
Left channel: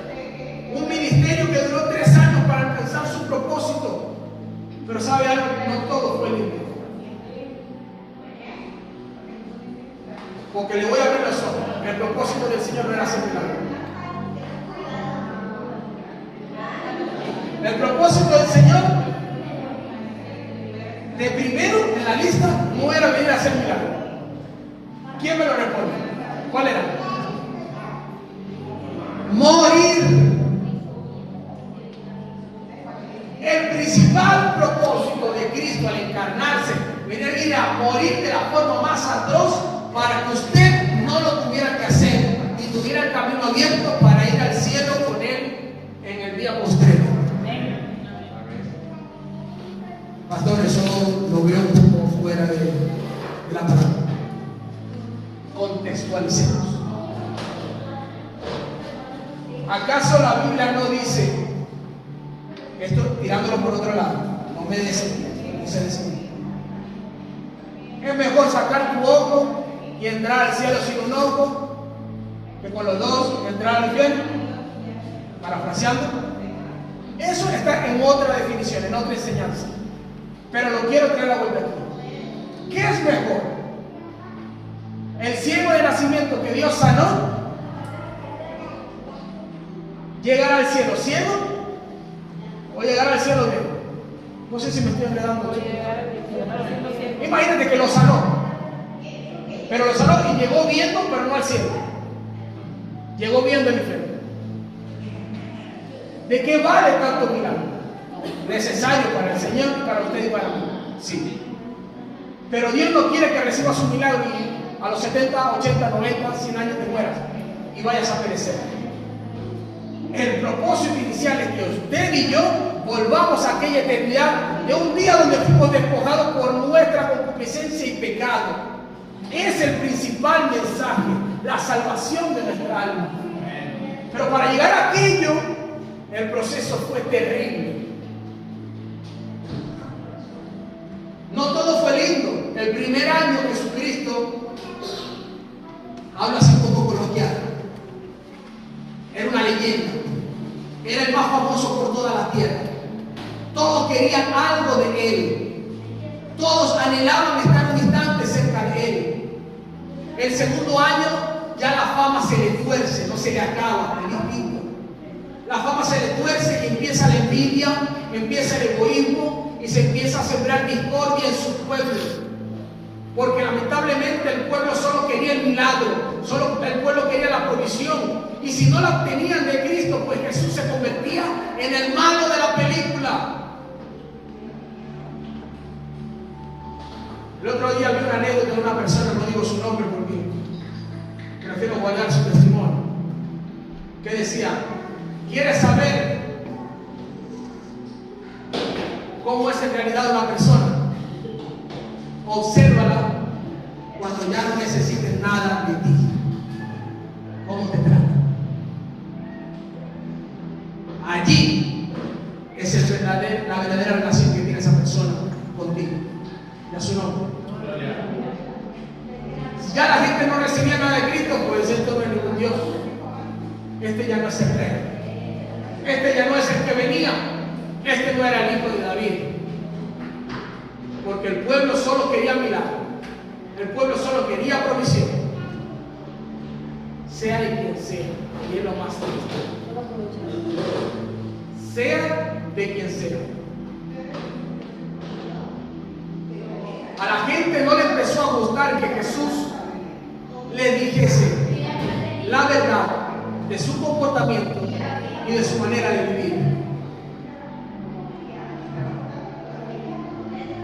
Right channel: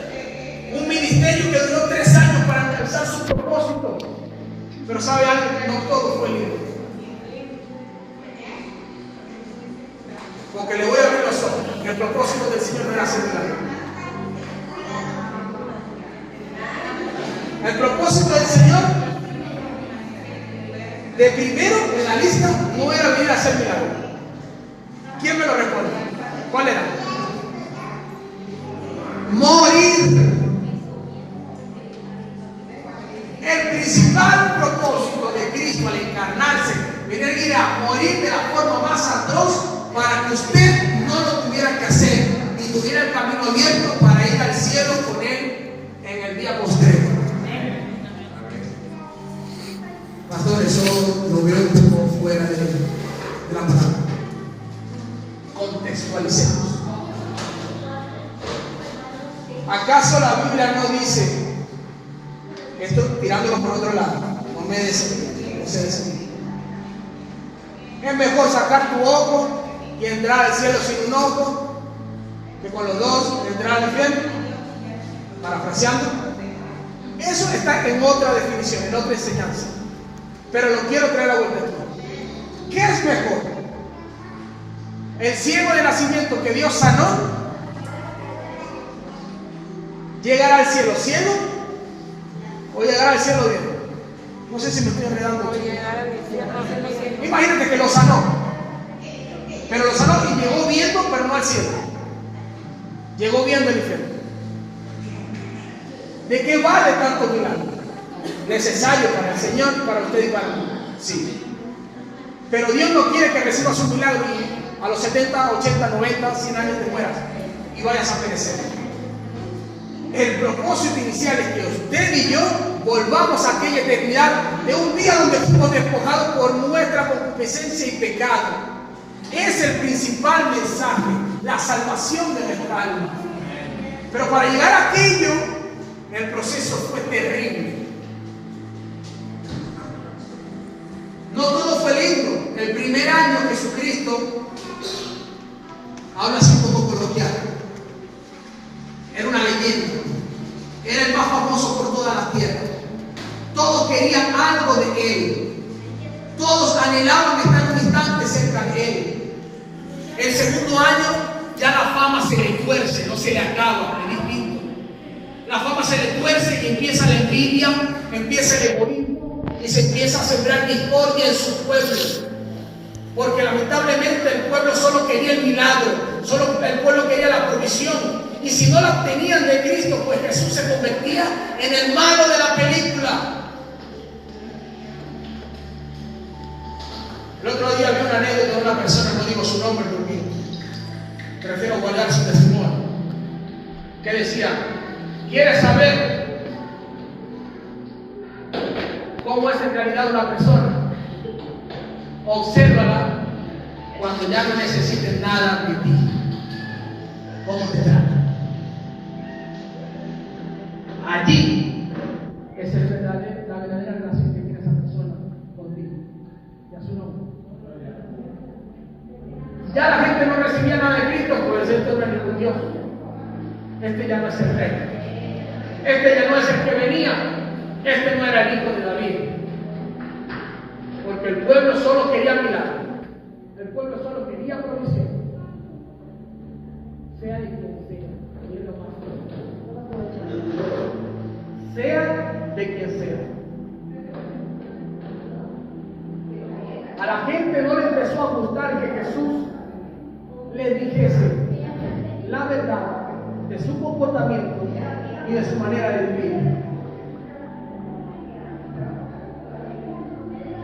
Un ministerio que duró 3 años para alcanzar su propósito. Pero sabe algo, no todo fue lindo. Porque le voy a abrir los ojos, que el propósito del Señor no era hacer milagros. El propósito del Señor, de primero en la lista, no era venir a hacer milagros. ¿Quién me lo responde? ¿Cuál era? Contextualicemos. ¿Acaso la Biblia no dice, esto tirándolo por otro lado, no me desvíen, no se desvíen? Es mejor sacar tu ojo y entrar al cielo sin un ojo que con los dos entrar al infierno. Parafraseando, eso está en otra definición, en otra enseñanza, pero lo quiero traer a vuelta aquí. ¿Qué es mejor? ¿El ciego de nacimiento que Dios sanó llegará al cielo ciego o llegará al cielo bien? No sé si me estoy enredando. Imagínate que lo sanó, pero lo sanó y llegó viendo, pero no al cielo. Llegó viendo el infierno. ¿De qué vale tanto milagro? Necesario para el Señor y para usted y para mí. Sí. Pero Dios no quiere que recibas un milagro y a los 70, 80, 90, 100 años te mueras y vayas a perecer. El propósito inicial es que usted y yo volvamos a aquella eternidad de un día donde fuimos despojados por nuestra concupiscencia y pecado. Es el principal mensaje, la salvación de nuestra alma. Pero para llegar a aquello, el proceso fue terrible. No todo fue lindo. El primer año Jesucristo, habla así un poco coloquial, era una leyenda. Era el más famoso por toda la tierra. Todos querían algo de él. Todos anhelaban estar un instante cerca de él. El segundo año ya la fama se le tuerce, no se le acaba, es distinto. La fama se le tuerce y empieza la envidia, empieza el egoísmo y se empieza a sembrar discordia en sus pueblos. Porque lamentablemente el pueblo solo quería el milagro, solo el pueblo quería la provisión. Y si no la obtenían de Cristo, pues Jesús se convertía en el malo de la película. El otro día vi una anécdota de una persona, no digo su nombre porque prefiero guardar su testimonio, que decía: ¿quieres saber cómo es en realidad una persona? Obsérvala cuando ya no necesites nada de ti. ¿Cómo te trata? Allí es la verdadera relación que tiene esa persona contigo. Ya su nombre. Si ya la gente no recibía nada de Cristo, pues esto no es ningún Dios. Este ya no es el rey. Este ya no es el que venía. Este no era el hijo de David. Porque el pueblo solo quería milagro. El pueblo solo quería provisión. Sea de quien sea. Y es lo más triste. Sea de quien sea. A la gente no le empezó a gustar que Jesús le dijese la verdad de su comportamiento y de su manera de vivir.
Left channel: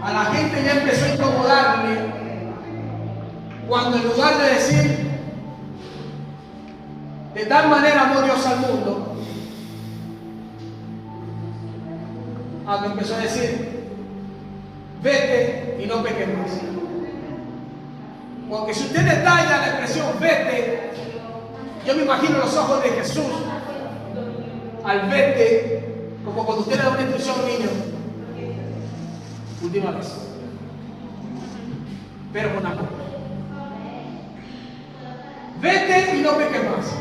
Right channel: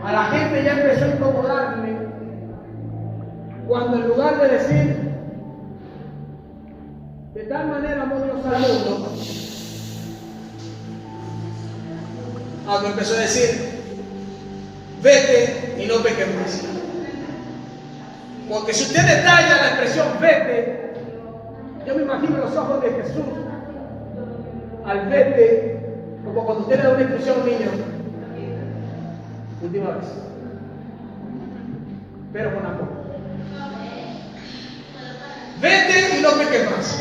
A la gente ya empezó a incomodarle cuando en lugar de decir de tal manera amó Dios al mundo, cuando empezó a decir vete y no peques más. Porque si usted detalla la expresión vete, yo me imagino los ojos de Jesús al vete, como cuando usted le da una instrucción a un niño. Última vez. Pero con la copa. Vete y no peques más.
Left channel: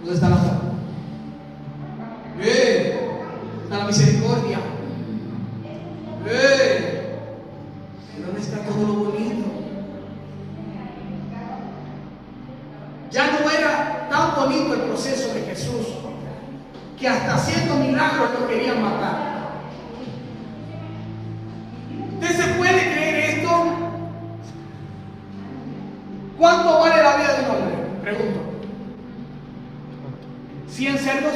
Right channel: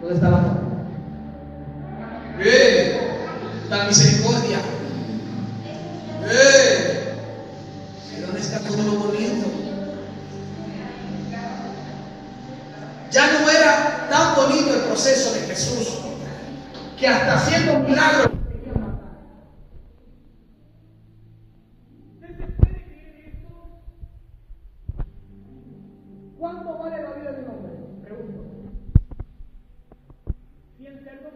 ¿Dónde está la mano? La misericordia. ¿Y dónde está todo lo bonito? Ya no era tan bonito el proceso de Jesús que hasta haciendo milagros lo querían matar. ¿Usted se puede creer esto? ¿Cuánto vale la vida de un hombre? Pregunto. ¿100 cerdos?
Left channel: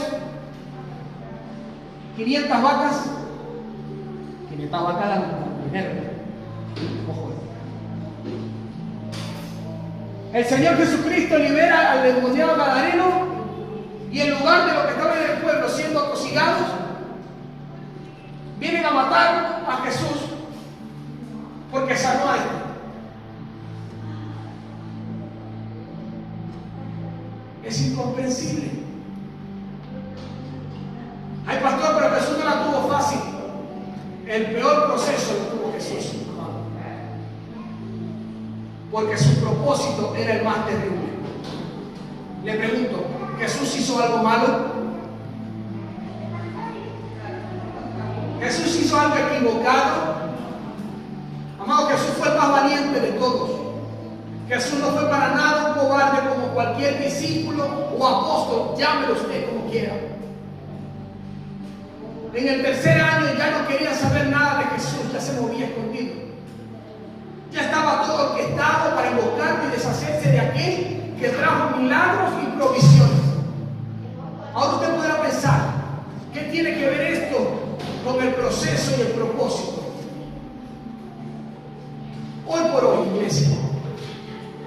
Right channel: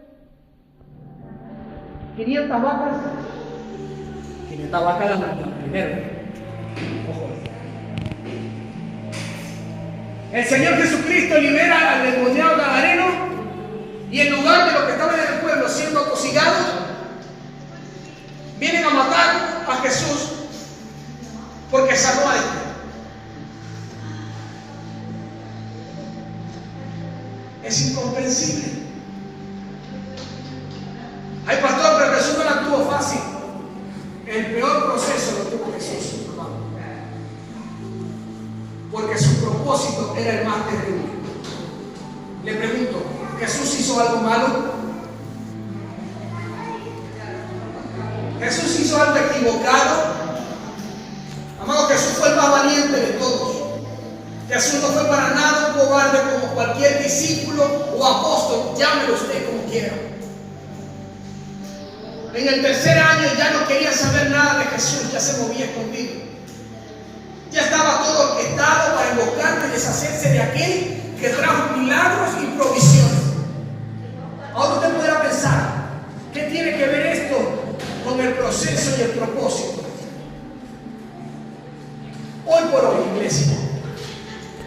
¿500 vacas? 500 vacas la primera. Ojo. El Señor Jesucristo libera al endemoniado gadareno y en lugar de los que estaban en el pueblo siendo atosigados, vienen a matar a Jesús porque sanó a este. Es incomprensible. Ay, pastor, pero Jesús no la tuvo fácil. El peor proceso lo tuvo Jesús, amado. Porque su propósito era el más terrible. Le pregunto, ¿Jesús hizo algo malo? ¿Jesús hizo algo equivocado? Amado, Jesús fue el más valiente de todos. Jesús no fue para nada un cobarde como cualquier discípulo o apóstol, llámelo usted como quiera. En el tercer año ya no quería saber nada de Jesús, ya se movía escondido. Ya estaba todo orquestado para invocar y deshacerse de aquel que trajo milagros y provisiones. Ahora usted podrá pensar, ¿qué tiene que ver esto con el proceso y el propósito? Hoy por hoy, iglesia,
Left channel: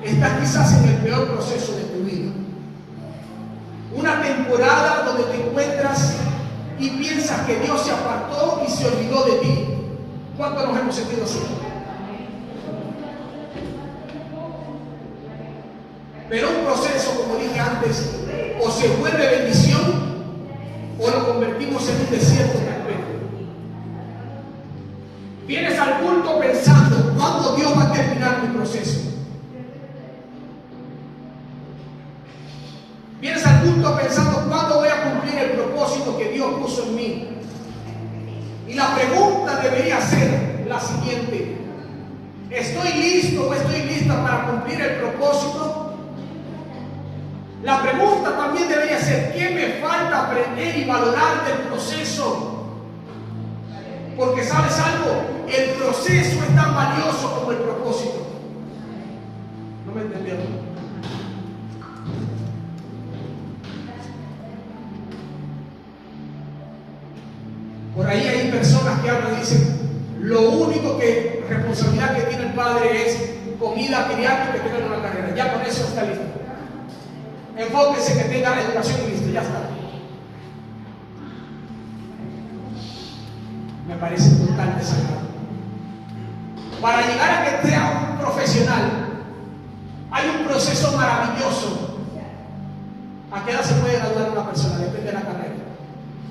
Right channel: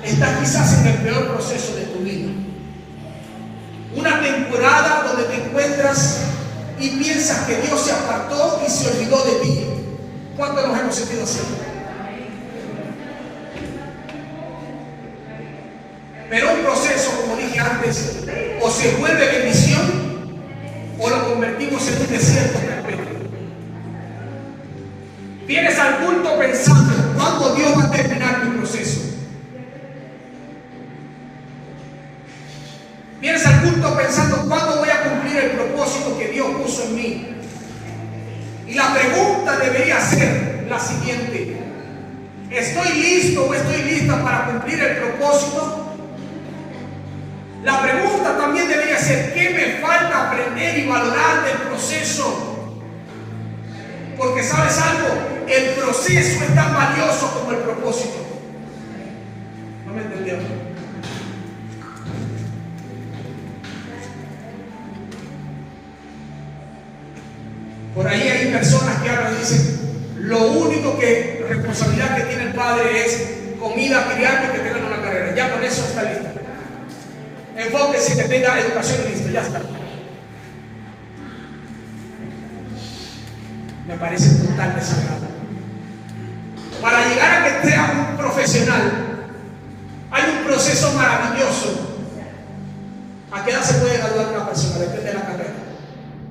estás quizás en el peor proceso de tu vida. Una temporada donde te encuentras y piensas que Dios se apartó y se olvidó de ti. ¿Cuántos nos hemos sentido así? Pero un proceso, como dije antes, o se vuelve bendición o lo convertimos en un desierto perpetuo. Vienes al culto pensando, ¿cuándo Dios va a terminar mi proceso? Vienes al culto pensando, ¿cuándo voy a cumplir el propósito que Dios puso en mí? Y la pregunta debería ser la siguiente: ¿estoy listo o estoy lista para cumplir el propósito? La pregunta también debería ser, ¿qué me falta aprender y valorar del proceso? Porque ¿sabes algo? El proceso es tan valioso como el propósito. ¿No me entendieron? Por ahí hay personas que hablan y dicen, lo único que responsabilidad que tiene el padre es comida, criar y que tengan una carrera. Ya con eso está listo. Enfóquese que tenga educación y listo, ya está. Me parece total desagrado. Para llegar a que sea un profesional, hay un proceso maravilloso. ¿A qué edad se puede graduar una persona? Depende de la carrera.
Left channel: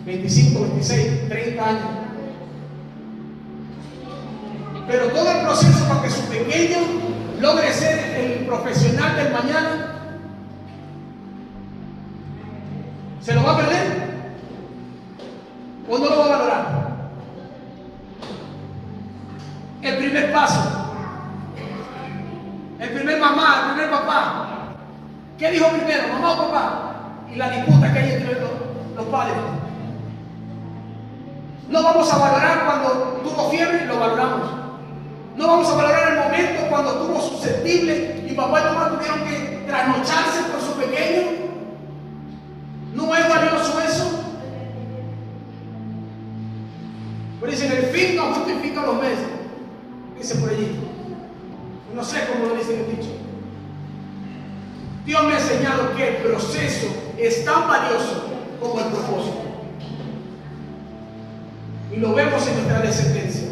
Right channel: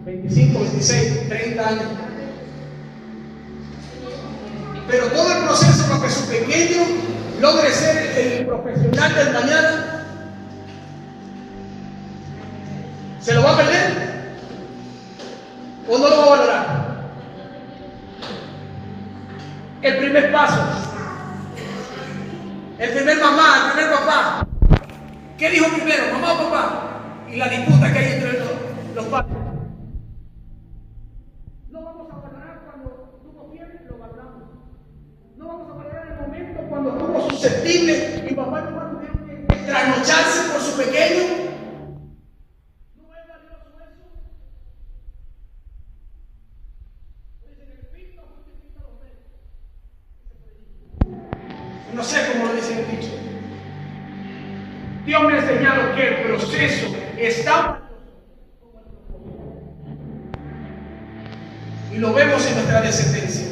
25, 26, 30 años. Pero todo el proceso para que su pequeño logre ser el profesional del mañana, ¿se lo va a perder? ¿O no lo va a valorar? El primer paso, el primer mamá, el primer papá. ¿Qué dijo primero, mamá o papá? Y la disputa que hay entre los padres. No vamos a valorar cuando tuvo fiebre, lo valoramos. No vamos a valorar el momento cuando estuvo susceptible. Mi papá y mamá tuvieron que trasnocharse por su pequeño. ¿No es valioso eso? Pero dicen, el fin no justifica los medios. Dice por allí. No sé cómo lo dicen el dicho. Dios me ha enseñado que el proceso es tan valioso como el propósito. Y lo vemos en nuestra descendencia.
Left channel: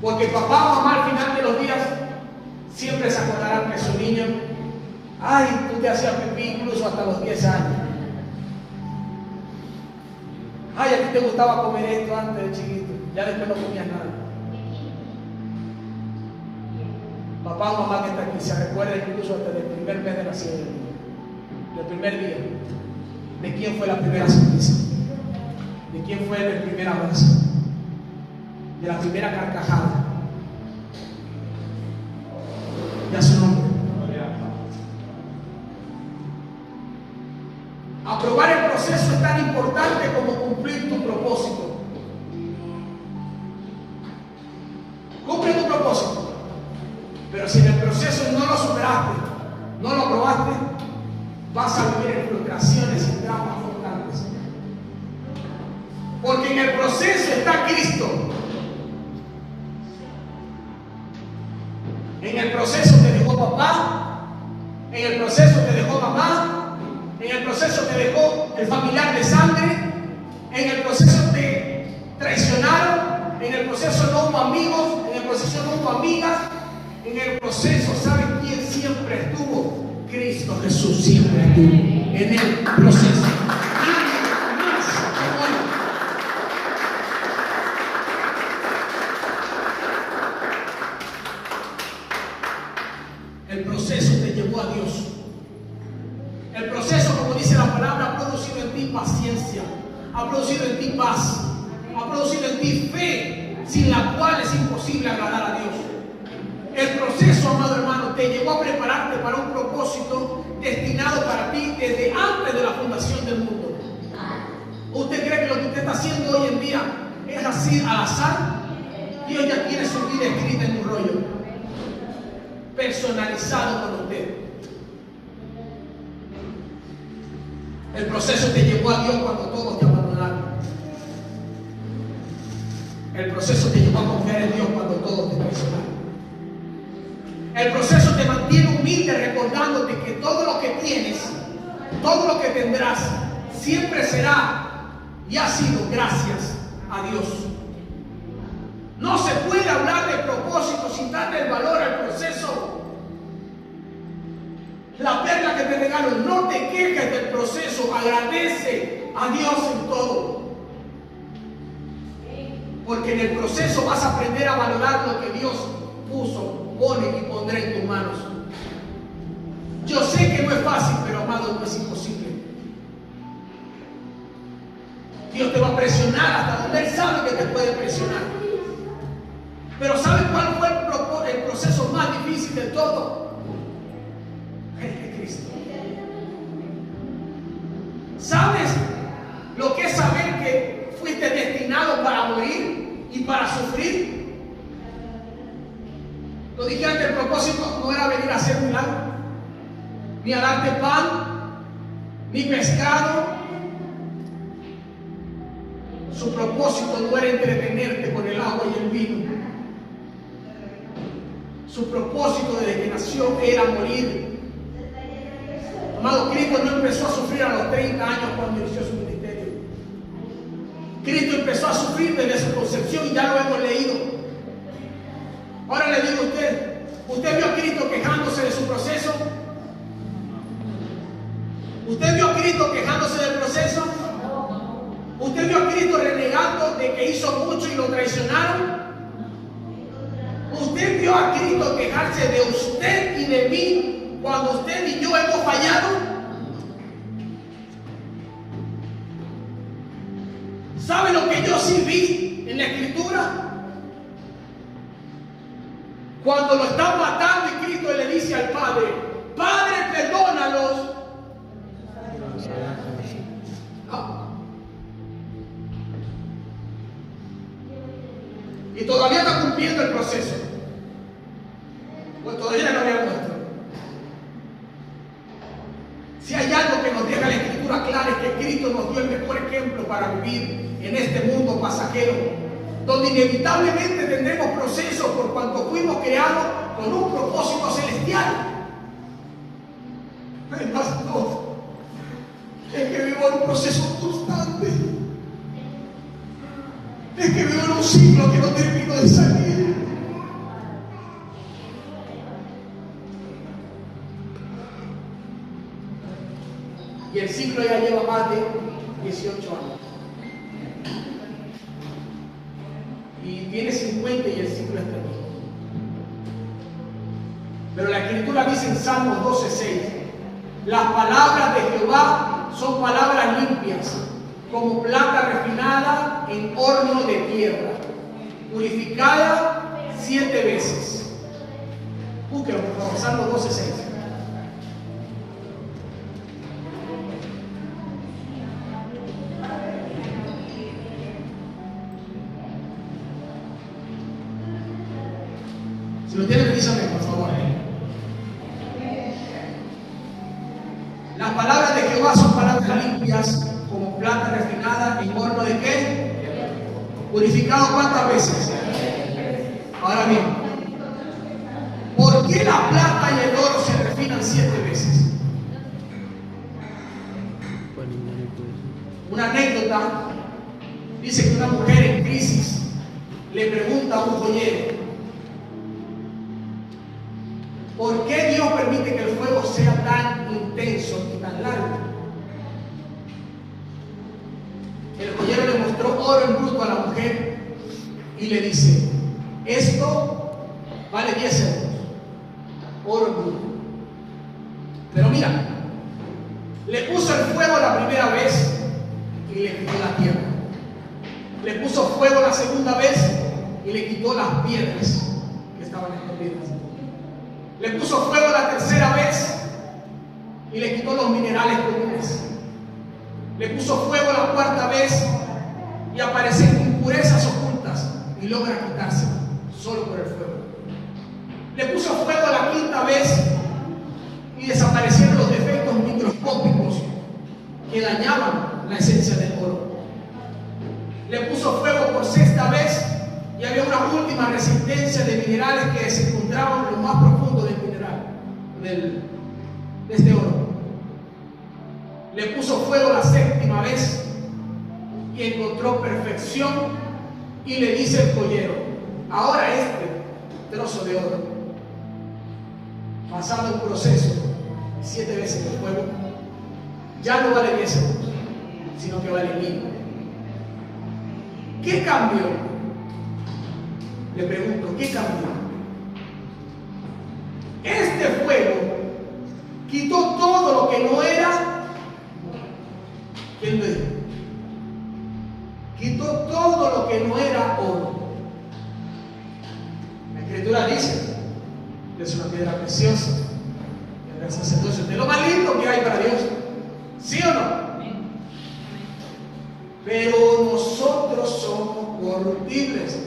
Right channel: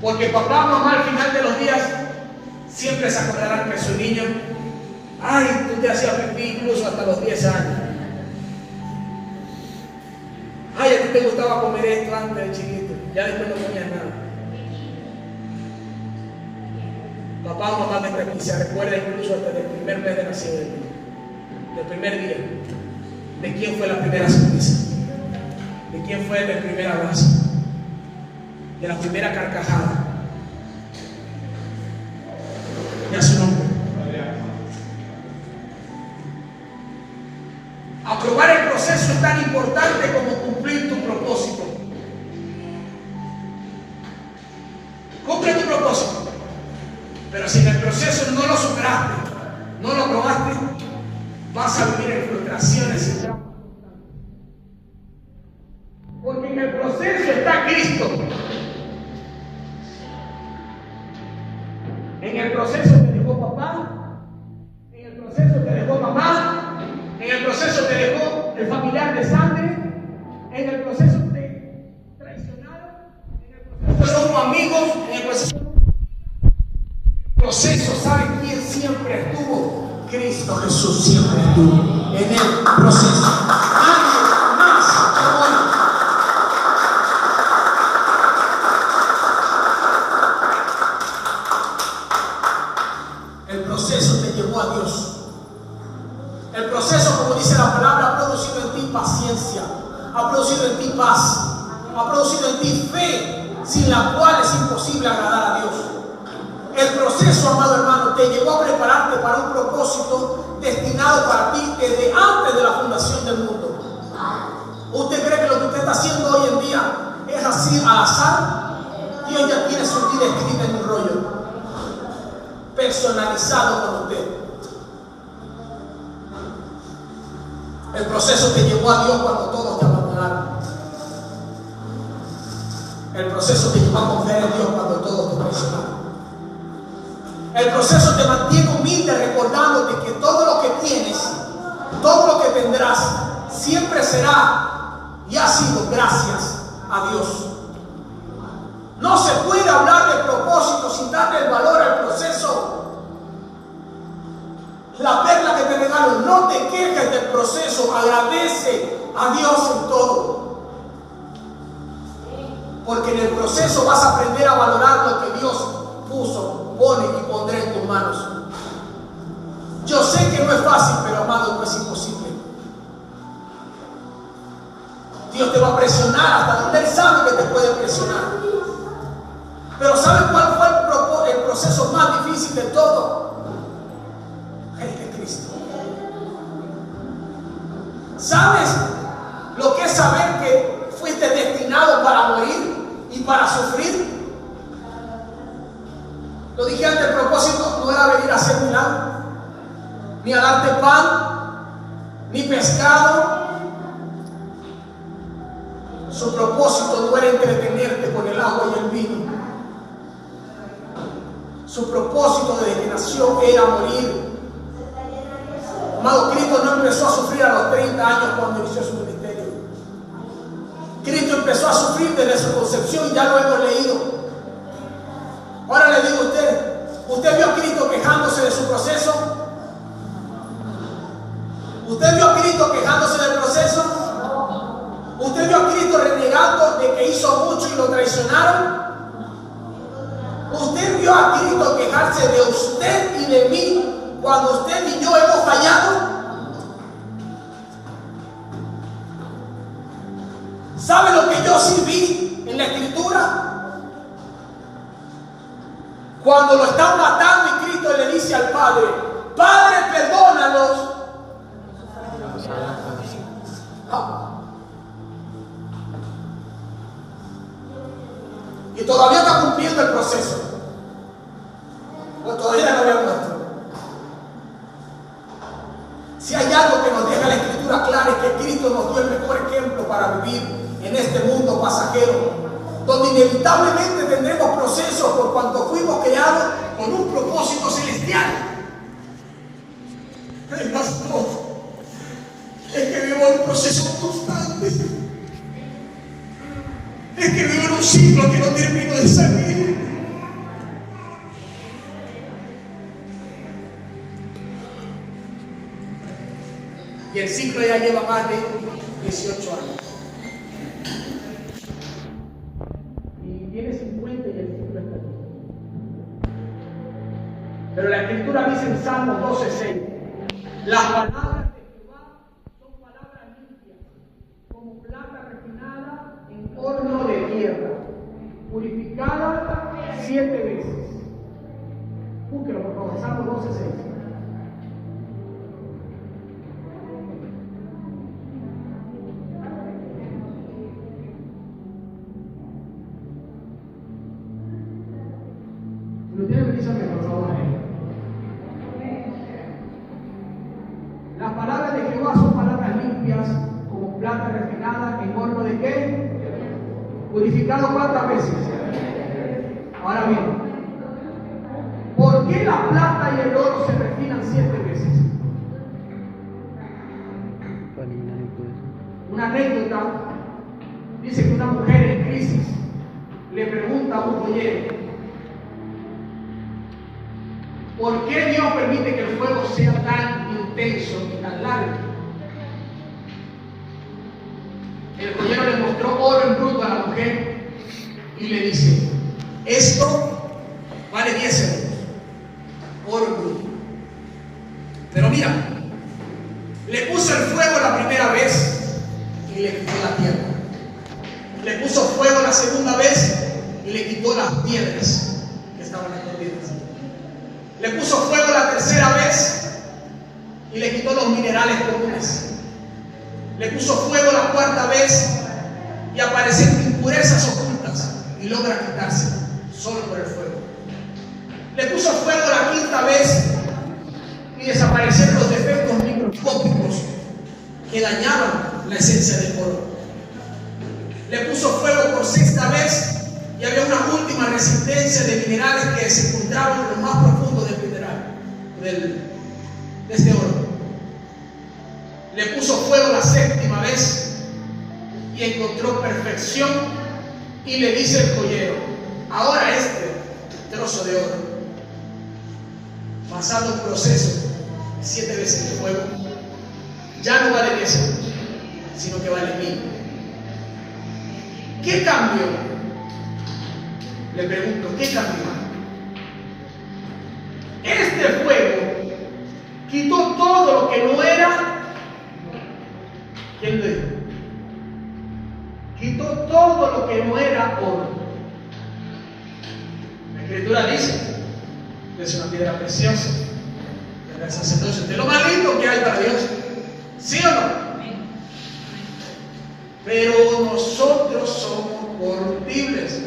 Porque papá, mamá al final de los días siempre se acordarán que su niño, ay, tú te hacías pipí incluso hasta los 10 años. Ay, a ti te gustaba comer esto antes de chiquito, ya después no comías nada. Papá o mamá desde aquí se recuerda incluso hasta el primer mes de nacido del niño, del primer día, de quién fue la primera sonrisa, de quién fue el primer abrazo, de la primera carcajada, y a su nombre. Aprobar el proceso es tan importante como cumplir tu propósito. Cumple tu propósito, pero si en el proceso no lo superaste, no lo probaste, vas a vivir en frustraciones y dramas constantes. Porque en el proceso está Cristo. En el proceso te dejó papá, en el proceso te dejó mamá, en el proceso te dejó el familiar de sangre, en el proceso te traicionaron, en el proceso no hubo amigos, en el proceso no hubo amigas, en el proceso, ¿saben quién siempre estuvo? Cristo. Cristo Jesús siempre estuvo en el proceso. Nadie más hoy. El proceso te llevó a Dios. El proceso, como dice la palabra, ha producido en ti paciencia, ha producido en ti paz, ha producido en ti fe, sin la cual es imposible agradar a Dios. El proceso, amado hermano, te llevó a prepararte para un propósito destinado para ti desde antes de la fundación del mundo. ¿Usted cree que lo que usted está haciendo hoy en día es así al azar? Dios ya tiene su vida escrita en un rollo personalizado con usted. El proceso te llevó a Dios cuando todos te abandonaron. El proceso te llevó a confiar en Dios cuando todos te traicionaron. El proceso te mantiene humilde, recordándote que todo lo que tienes, todo lo que tendrás, siempre será y ha sido gracias a Dios. No se puede hablar de propósito sin darle el valor al proceso. La perla que te regalo, no te quejes del proceso, agradece a Dios en todo. Porque en el proceso vas a aprender a valorar lo que Dios puso, pone y pondrá en tus manos. Yo sé que no es fácil, pero amado, no es imposible. Dios te va a presionar hasta donde Él sabe que te puede presionar. Pero ¿sabes cuál fue el proceso más difícil de todo? El de Cristo. ¿Sabes lo que es saber que fuiste destinado para morir y para sufrir? Lo dije antes, el propósito no era venir a hacer milagro, ni a darte pan, ni pescado. Su propósito no era entretenerte con el agua y el vino. Su propósito desde que nació era morir. Amado, Cristo no empezó a sufrir a los 30 años cuando inició su ministerio. Cristo empezó a sufrir desde su concepción y ya lo hemos leído. Ahora le digo a usted, ¿usted vio a Cristo quejándose de su proceso? ¿Usted vio a Cristo quejándose del proceso? ¿Usted vio a Cristo renegando de que hizo mucho y lo traicionaron? ¿Usted vio a Cristo quejarse de usted y de mí cuando usted y yo hemos fallado? ¿Sabe lo que yo sí vi en la Escritura? Cuando lo están matando y Cristo le dice al Padre, Padre, perdónalos. Y todavía está cumpliendo el proceso. Pues todavía no había muerto. Si hay algo que nos deja la Escritura clara es que Cristo nos dio el mejor ejemplo para vivir en este mundo pasajero, donde inevitablemente tendremos procesos por cuanto fuimos creados con un propósito celestial. Ay, pastor, es que vivo en un proceso constante. Es que vivo en un ciclo que no termino de salir. Y el ciclo ya lleva más de 18 años. Y tiene 50 y el ciclo está aquí. Pero la Escritura dice en Salmos 12:6, las palabras de Jehová son palabras limpias, como plata refinada en horno de tierra, purificada 7 veces. Búsquelo, por favor, Salmos 12:6. Si lo tienen, díganme, por favor. Las palabras de Jehová son palabras limpias, como plata refinada en horno de ¿qué? Purificado ¿cuántas veces? Ahora bien, ¿por qué la plata y el oro se refinan 7 veces? Una anécdota dice que una mujer en crisis le pregunta a un joyero, ¿Por qué Dios permite que el fuego sea tan intenso y tan largo? El joyero le mostró oro en bruto a la mujer y le dice: esto vale 10 euros, oro en bruto. Pero mira, le puso el fuego la primera vez y le quitó la tierra. Le puso fuego la segunda vez y le quitó las piedras que estaban escondidas. Le puso fuego la tercera vez y le quitó los minerales comunes. Le puso fuego la cuarta vez y aparecen impurezas ocultas y logra quitarse solo por el fuego. Le puso fuego la quinta vez y desaparecieron los defectos microscópicos que dañaban la esencia del oro. Le puso fuego por sexta vez y había una última resistencia de minerales que se encontraban en lo más profundo del mineral, de este oro. Le puso fuego la séptima vez y encontró perfección y le dice el joyero: ahora este trozo de oro, pasado el proceso de 7 veces de fuego, ya no vale 10 euros, sino que vale 1000. ¿Qué cambió? Le pregunto, ¿qué cambió? Este fuego quitó todo lo que no era. ¿Quién lo dijo? Quitó todo lo que no era oro. La Escritura dice que es una piedra preciosa, el sacerdocio, de lo más lindo que hay para Dios. ¿Sí o no? Pero nosotros somos corruptibles.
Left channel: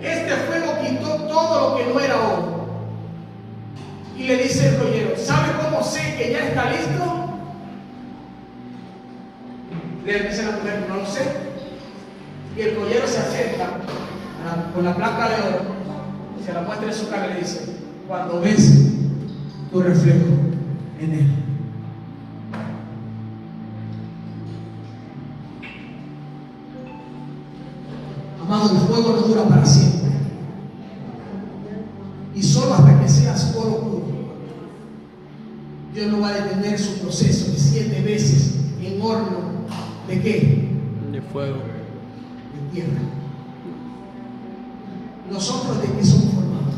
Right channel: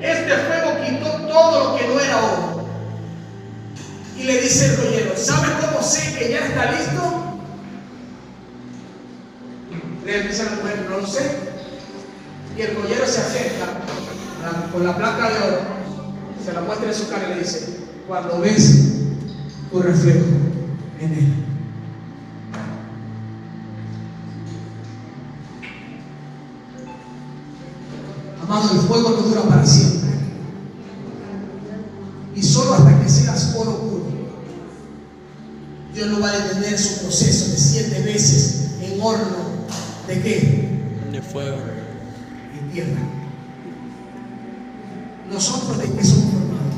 Este fuego quitó todo lo que no era oro. Y le dice el joyero: ¿sabe cómo sé que ya está listo? Le dice a la mujer: no lo sé. Y el joyero se acerca con la placa de oro, se la muestra en su cara y le dice: cuando ves tu reflejo en él. Amado, el fuego no dura para siempre. Y solo hasta que seas oro puro. Dios no va a detener su proceso de 7 veces en horno. ¿De qué? De fuego. De tierra. ¿Nosotros de qué somos formados?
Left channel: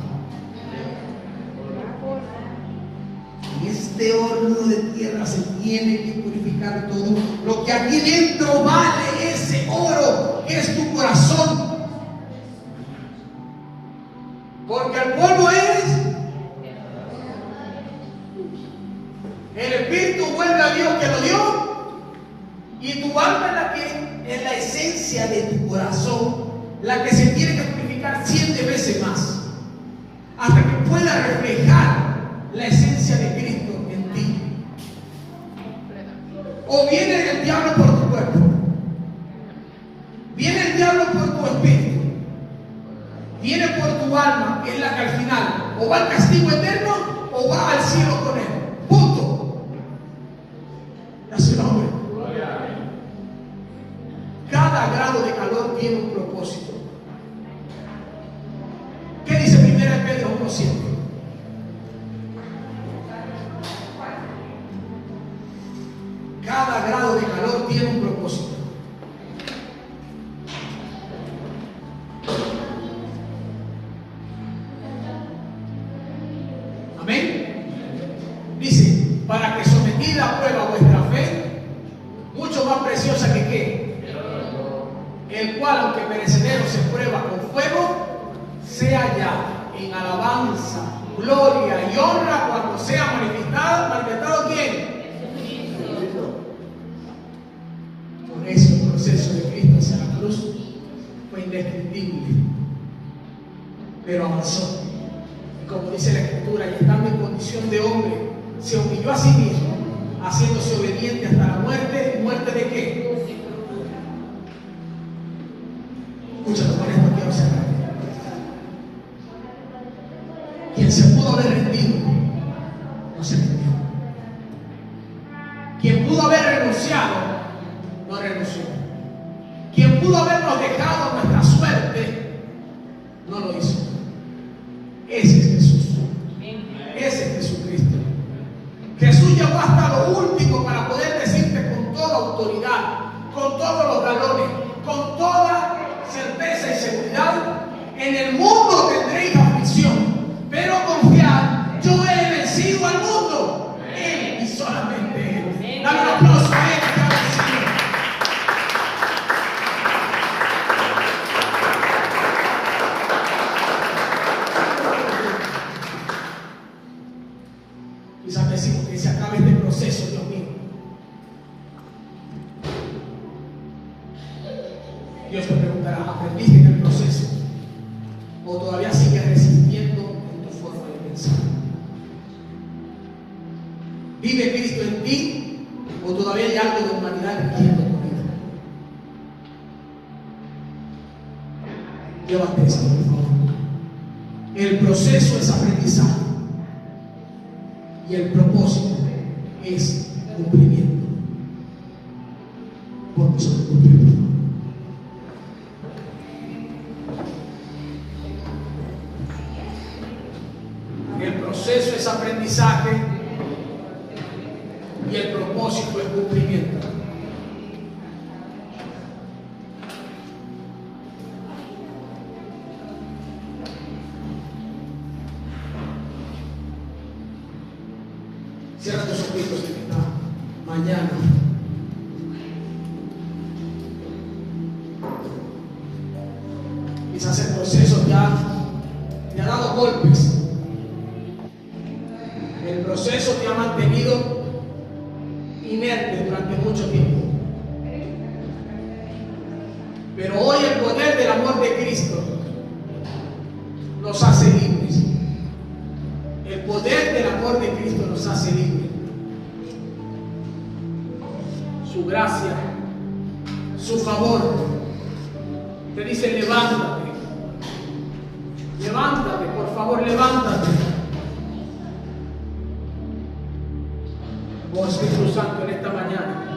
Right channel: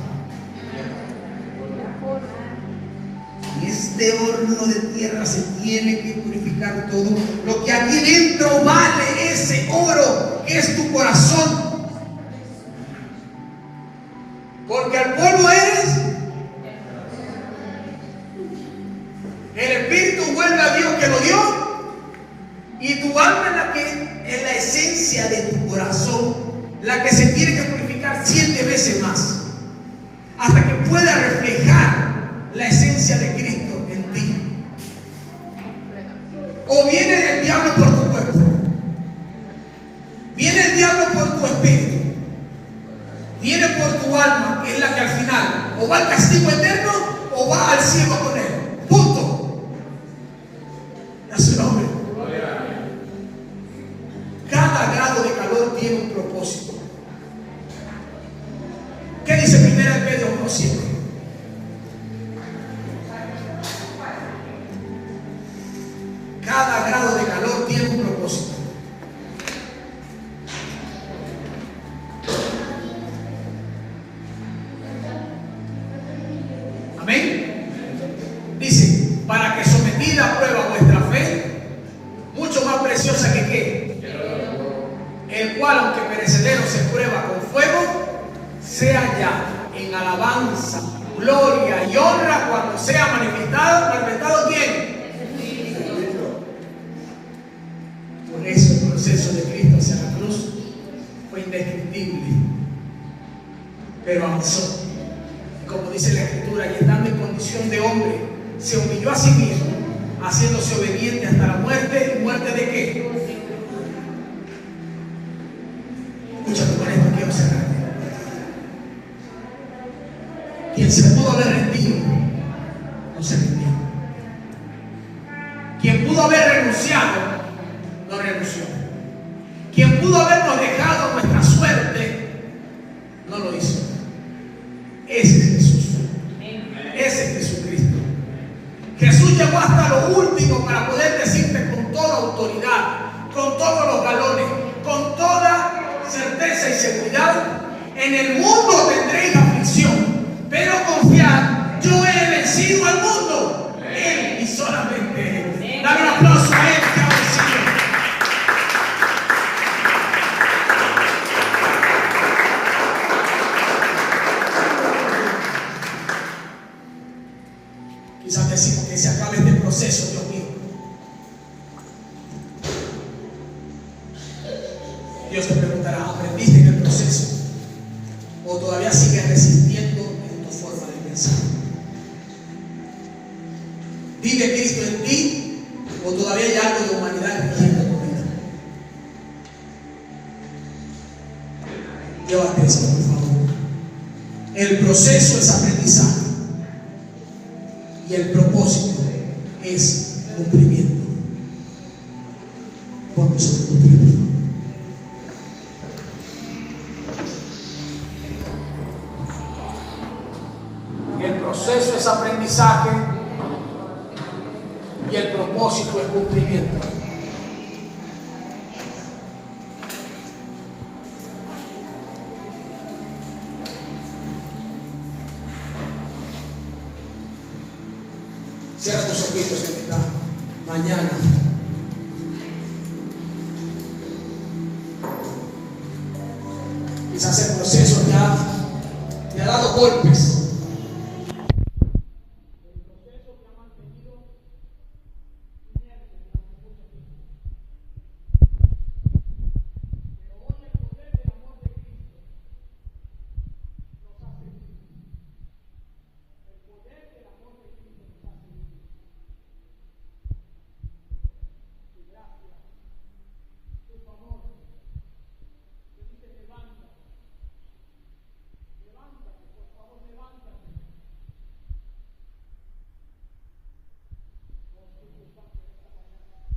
En este horno de tierra se tiene que purificar todo. Lo que aquí dentro vale ese oro que es tu corazón. Porque al polvo eres. El espíritu vuelve a Dios que lo dio. Y tu alma es la esencia de tu corazón, la que se tiene que purificar 7 veces más, hasta que pueda reflejar la esencia de Cristo en ti. O viene el diablo por tu cuerpo, viene el diablo por tu espíritu, viene por tu alma, que es la que al final o va al castigo eterno o va al cielo con él. Punto. Y a su nombre. Cada grado de calor tiene un propósito. ¿Qué dice 1 Pedro 1:7? Cada grado de calor tiene un propósito. Amén. Dice: para que sometida a prueba vuestra fe, mucho más preciosa que ¿qué? El cual, aunque perecedero, se prueba con fuego, sea ya en alabanza, gloria y honra cuando sea manifestado ¿quién? Por eso el proceso de Cristo hacia la cruz fue indescriptible, pero avanzó. Y como dice la Escritura, y estando en condición de hombre, se humilló a sí mismo, haciéndose obediente hasta la muerte. ¿Y muerte de qué? Escúchame, con esto quiero cerrar. Quien se pudo haber rendido, no se rindió. Quien pudo haber renunciado, no renunció. Quien pudo habernos dejado nuestra suerte, no lo hizo. Ese es Jesús. llegó hasta lo último para poder decirte con toda autoridad, con todos los galones, con toda certeza y seguridad: en el mundo tendréis aflicción, pero confiad, yo he vencido al mundo. Él y solamente Él. Dale un aplauso a Él que ha vencido. Quizás decimos que se acabe este proceso, Dios mío. Dios te preguntará: ¿aprendiste en el proceso? ¿O todavía sigues resistiendo en tu forma de pensar? ¿Vive Cristo en ti? ¿O todavía hay algo de humanidad rigiendo tu vida? Llévate esto, por favor. El proceso es aprendizaje y el propósito es cumplimiento. Vamos a cumplir. El proceso es aprendizaje y el propósito es cumplimiento. Cierra tus ojitos en esta mañana. Quizás el proceso te ha dado golpes. El proceso te ha mantenido inerte durante mucho tiempo. Pero hoy el poder del amor de Cristo nos hace libres. El poder del amor de Cristo nos hace libres. Su gracia, su favor, te dice: levántate. Levántate, por favor, levántate. Oh Espíritu Santo, en esta mañana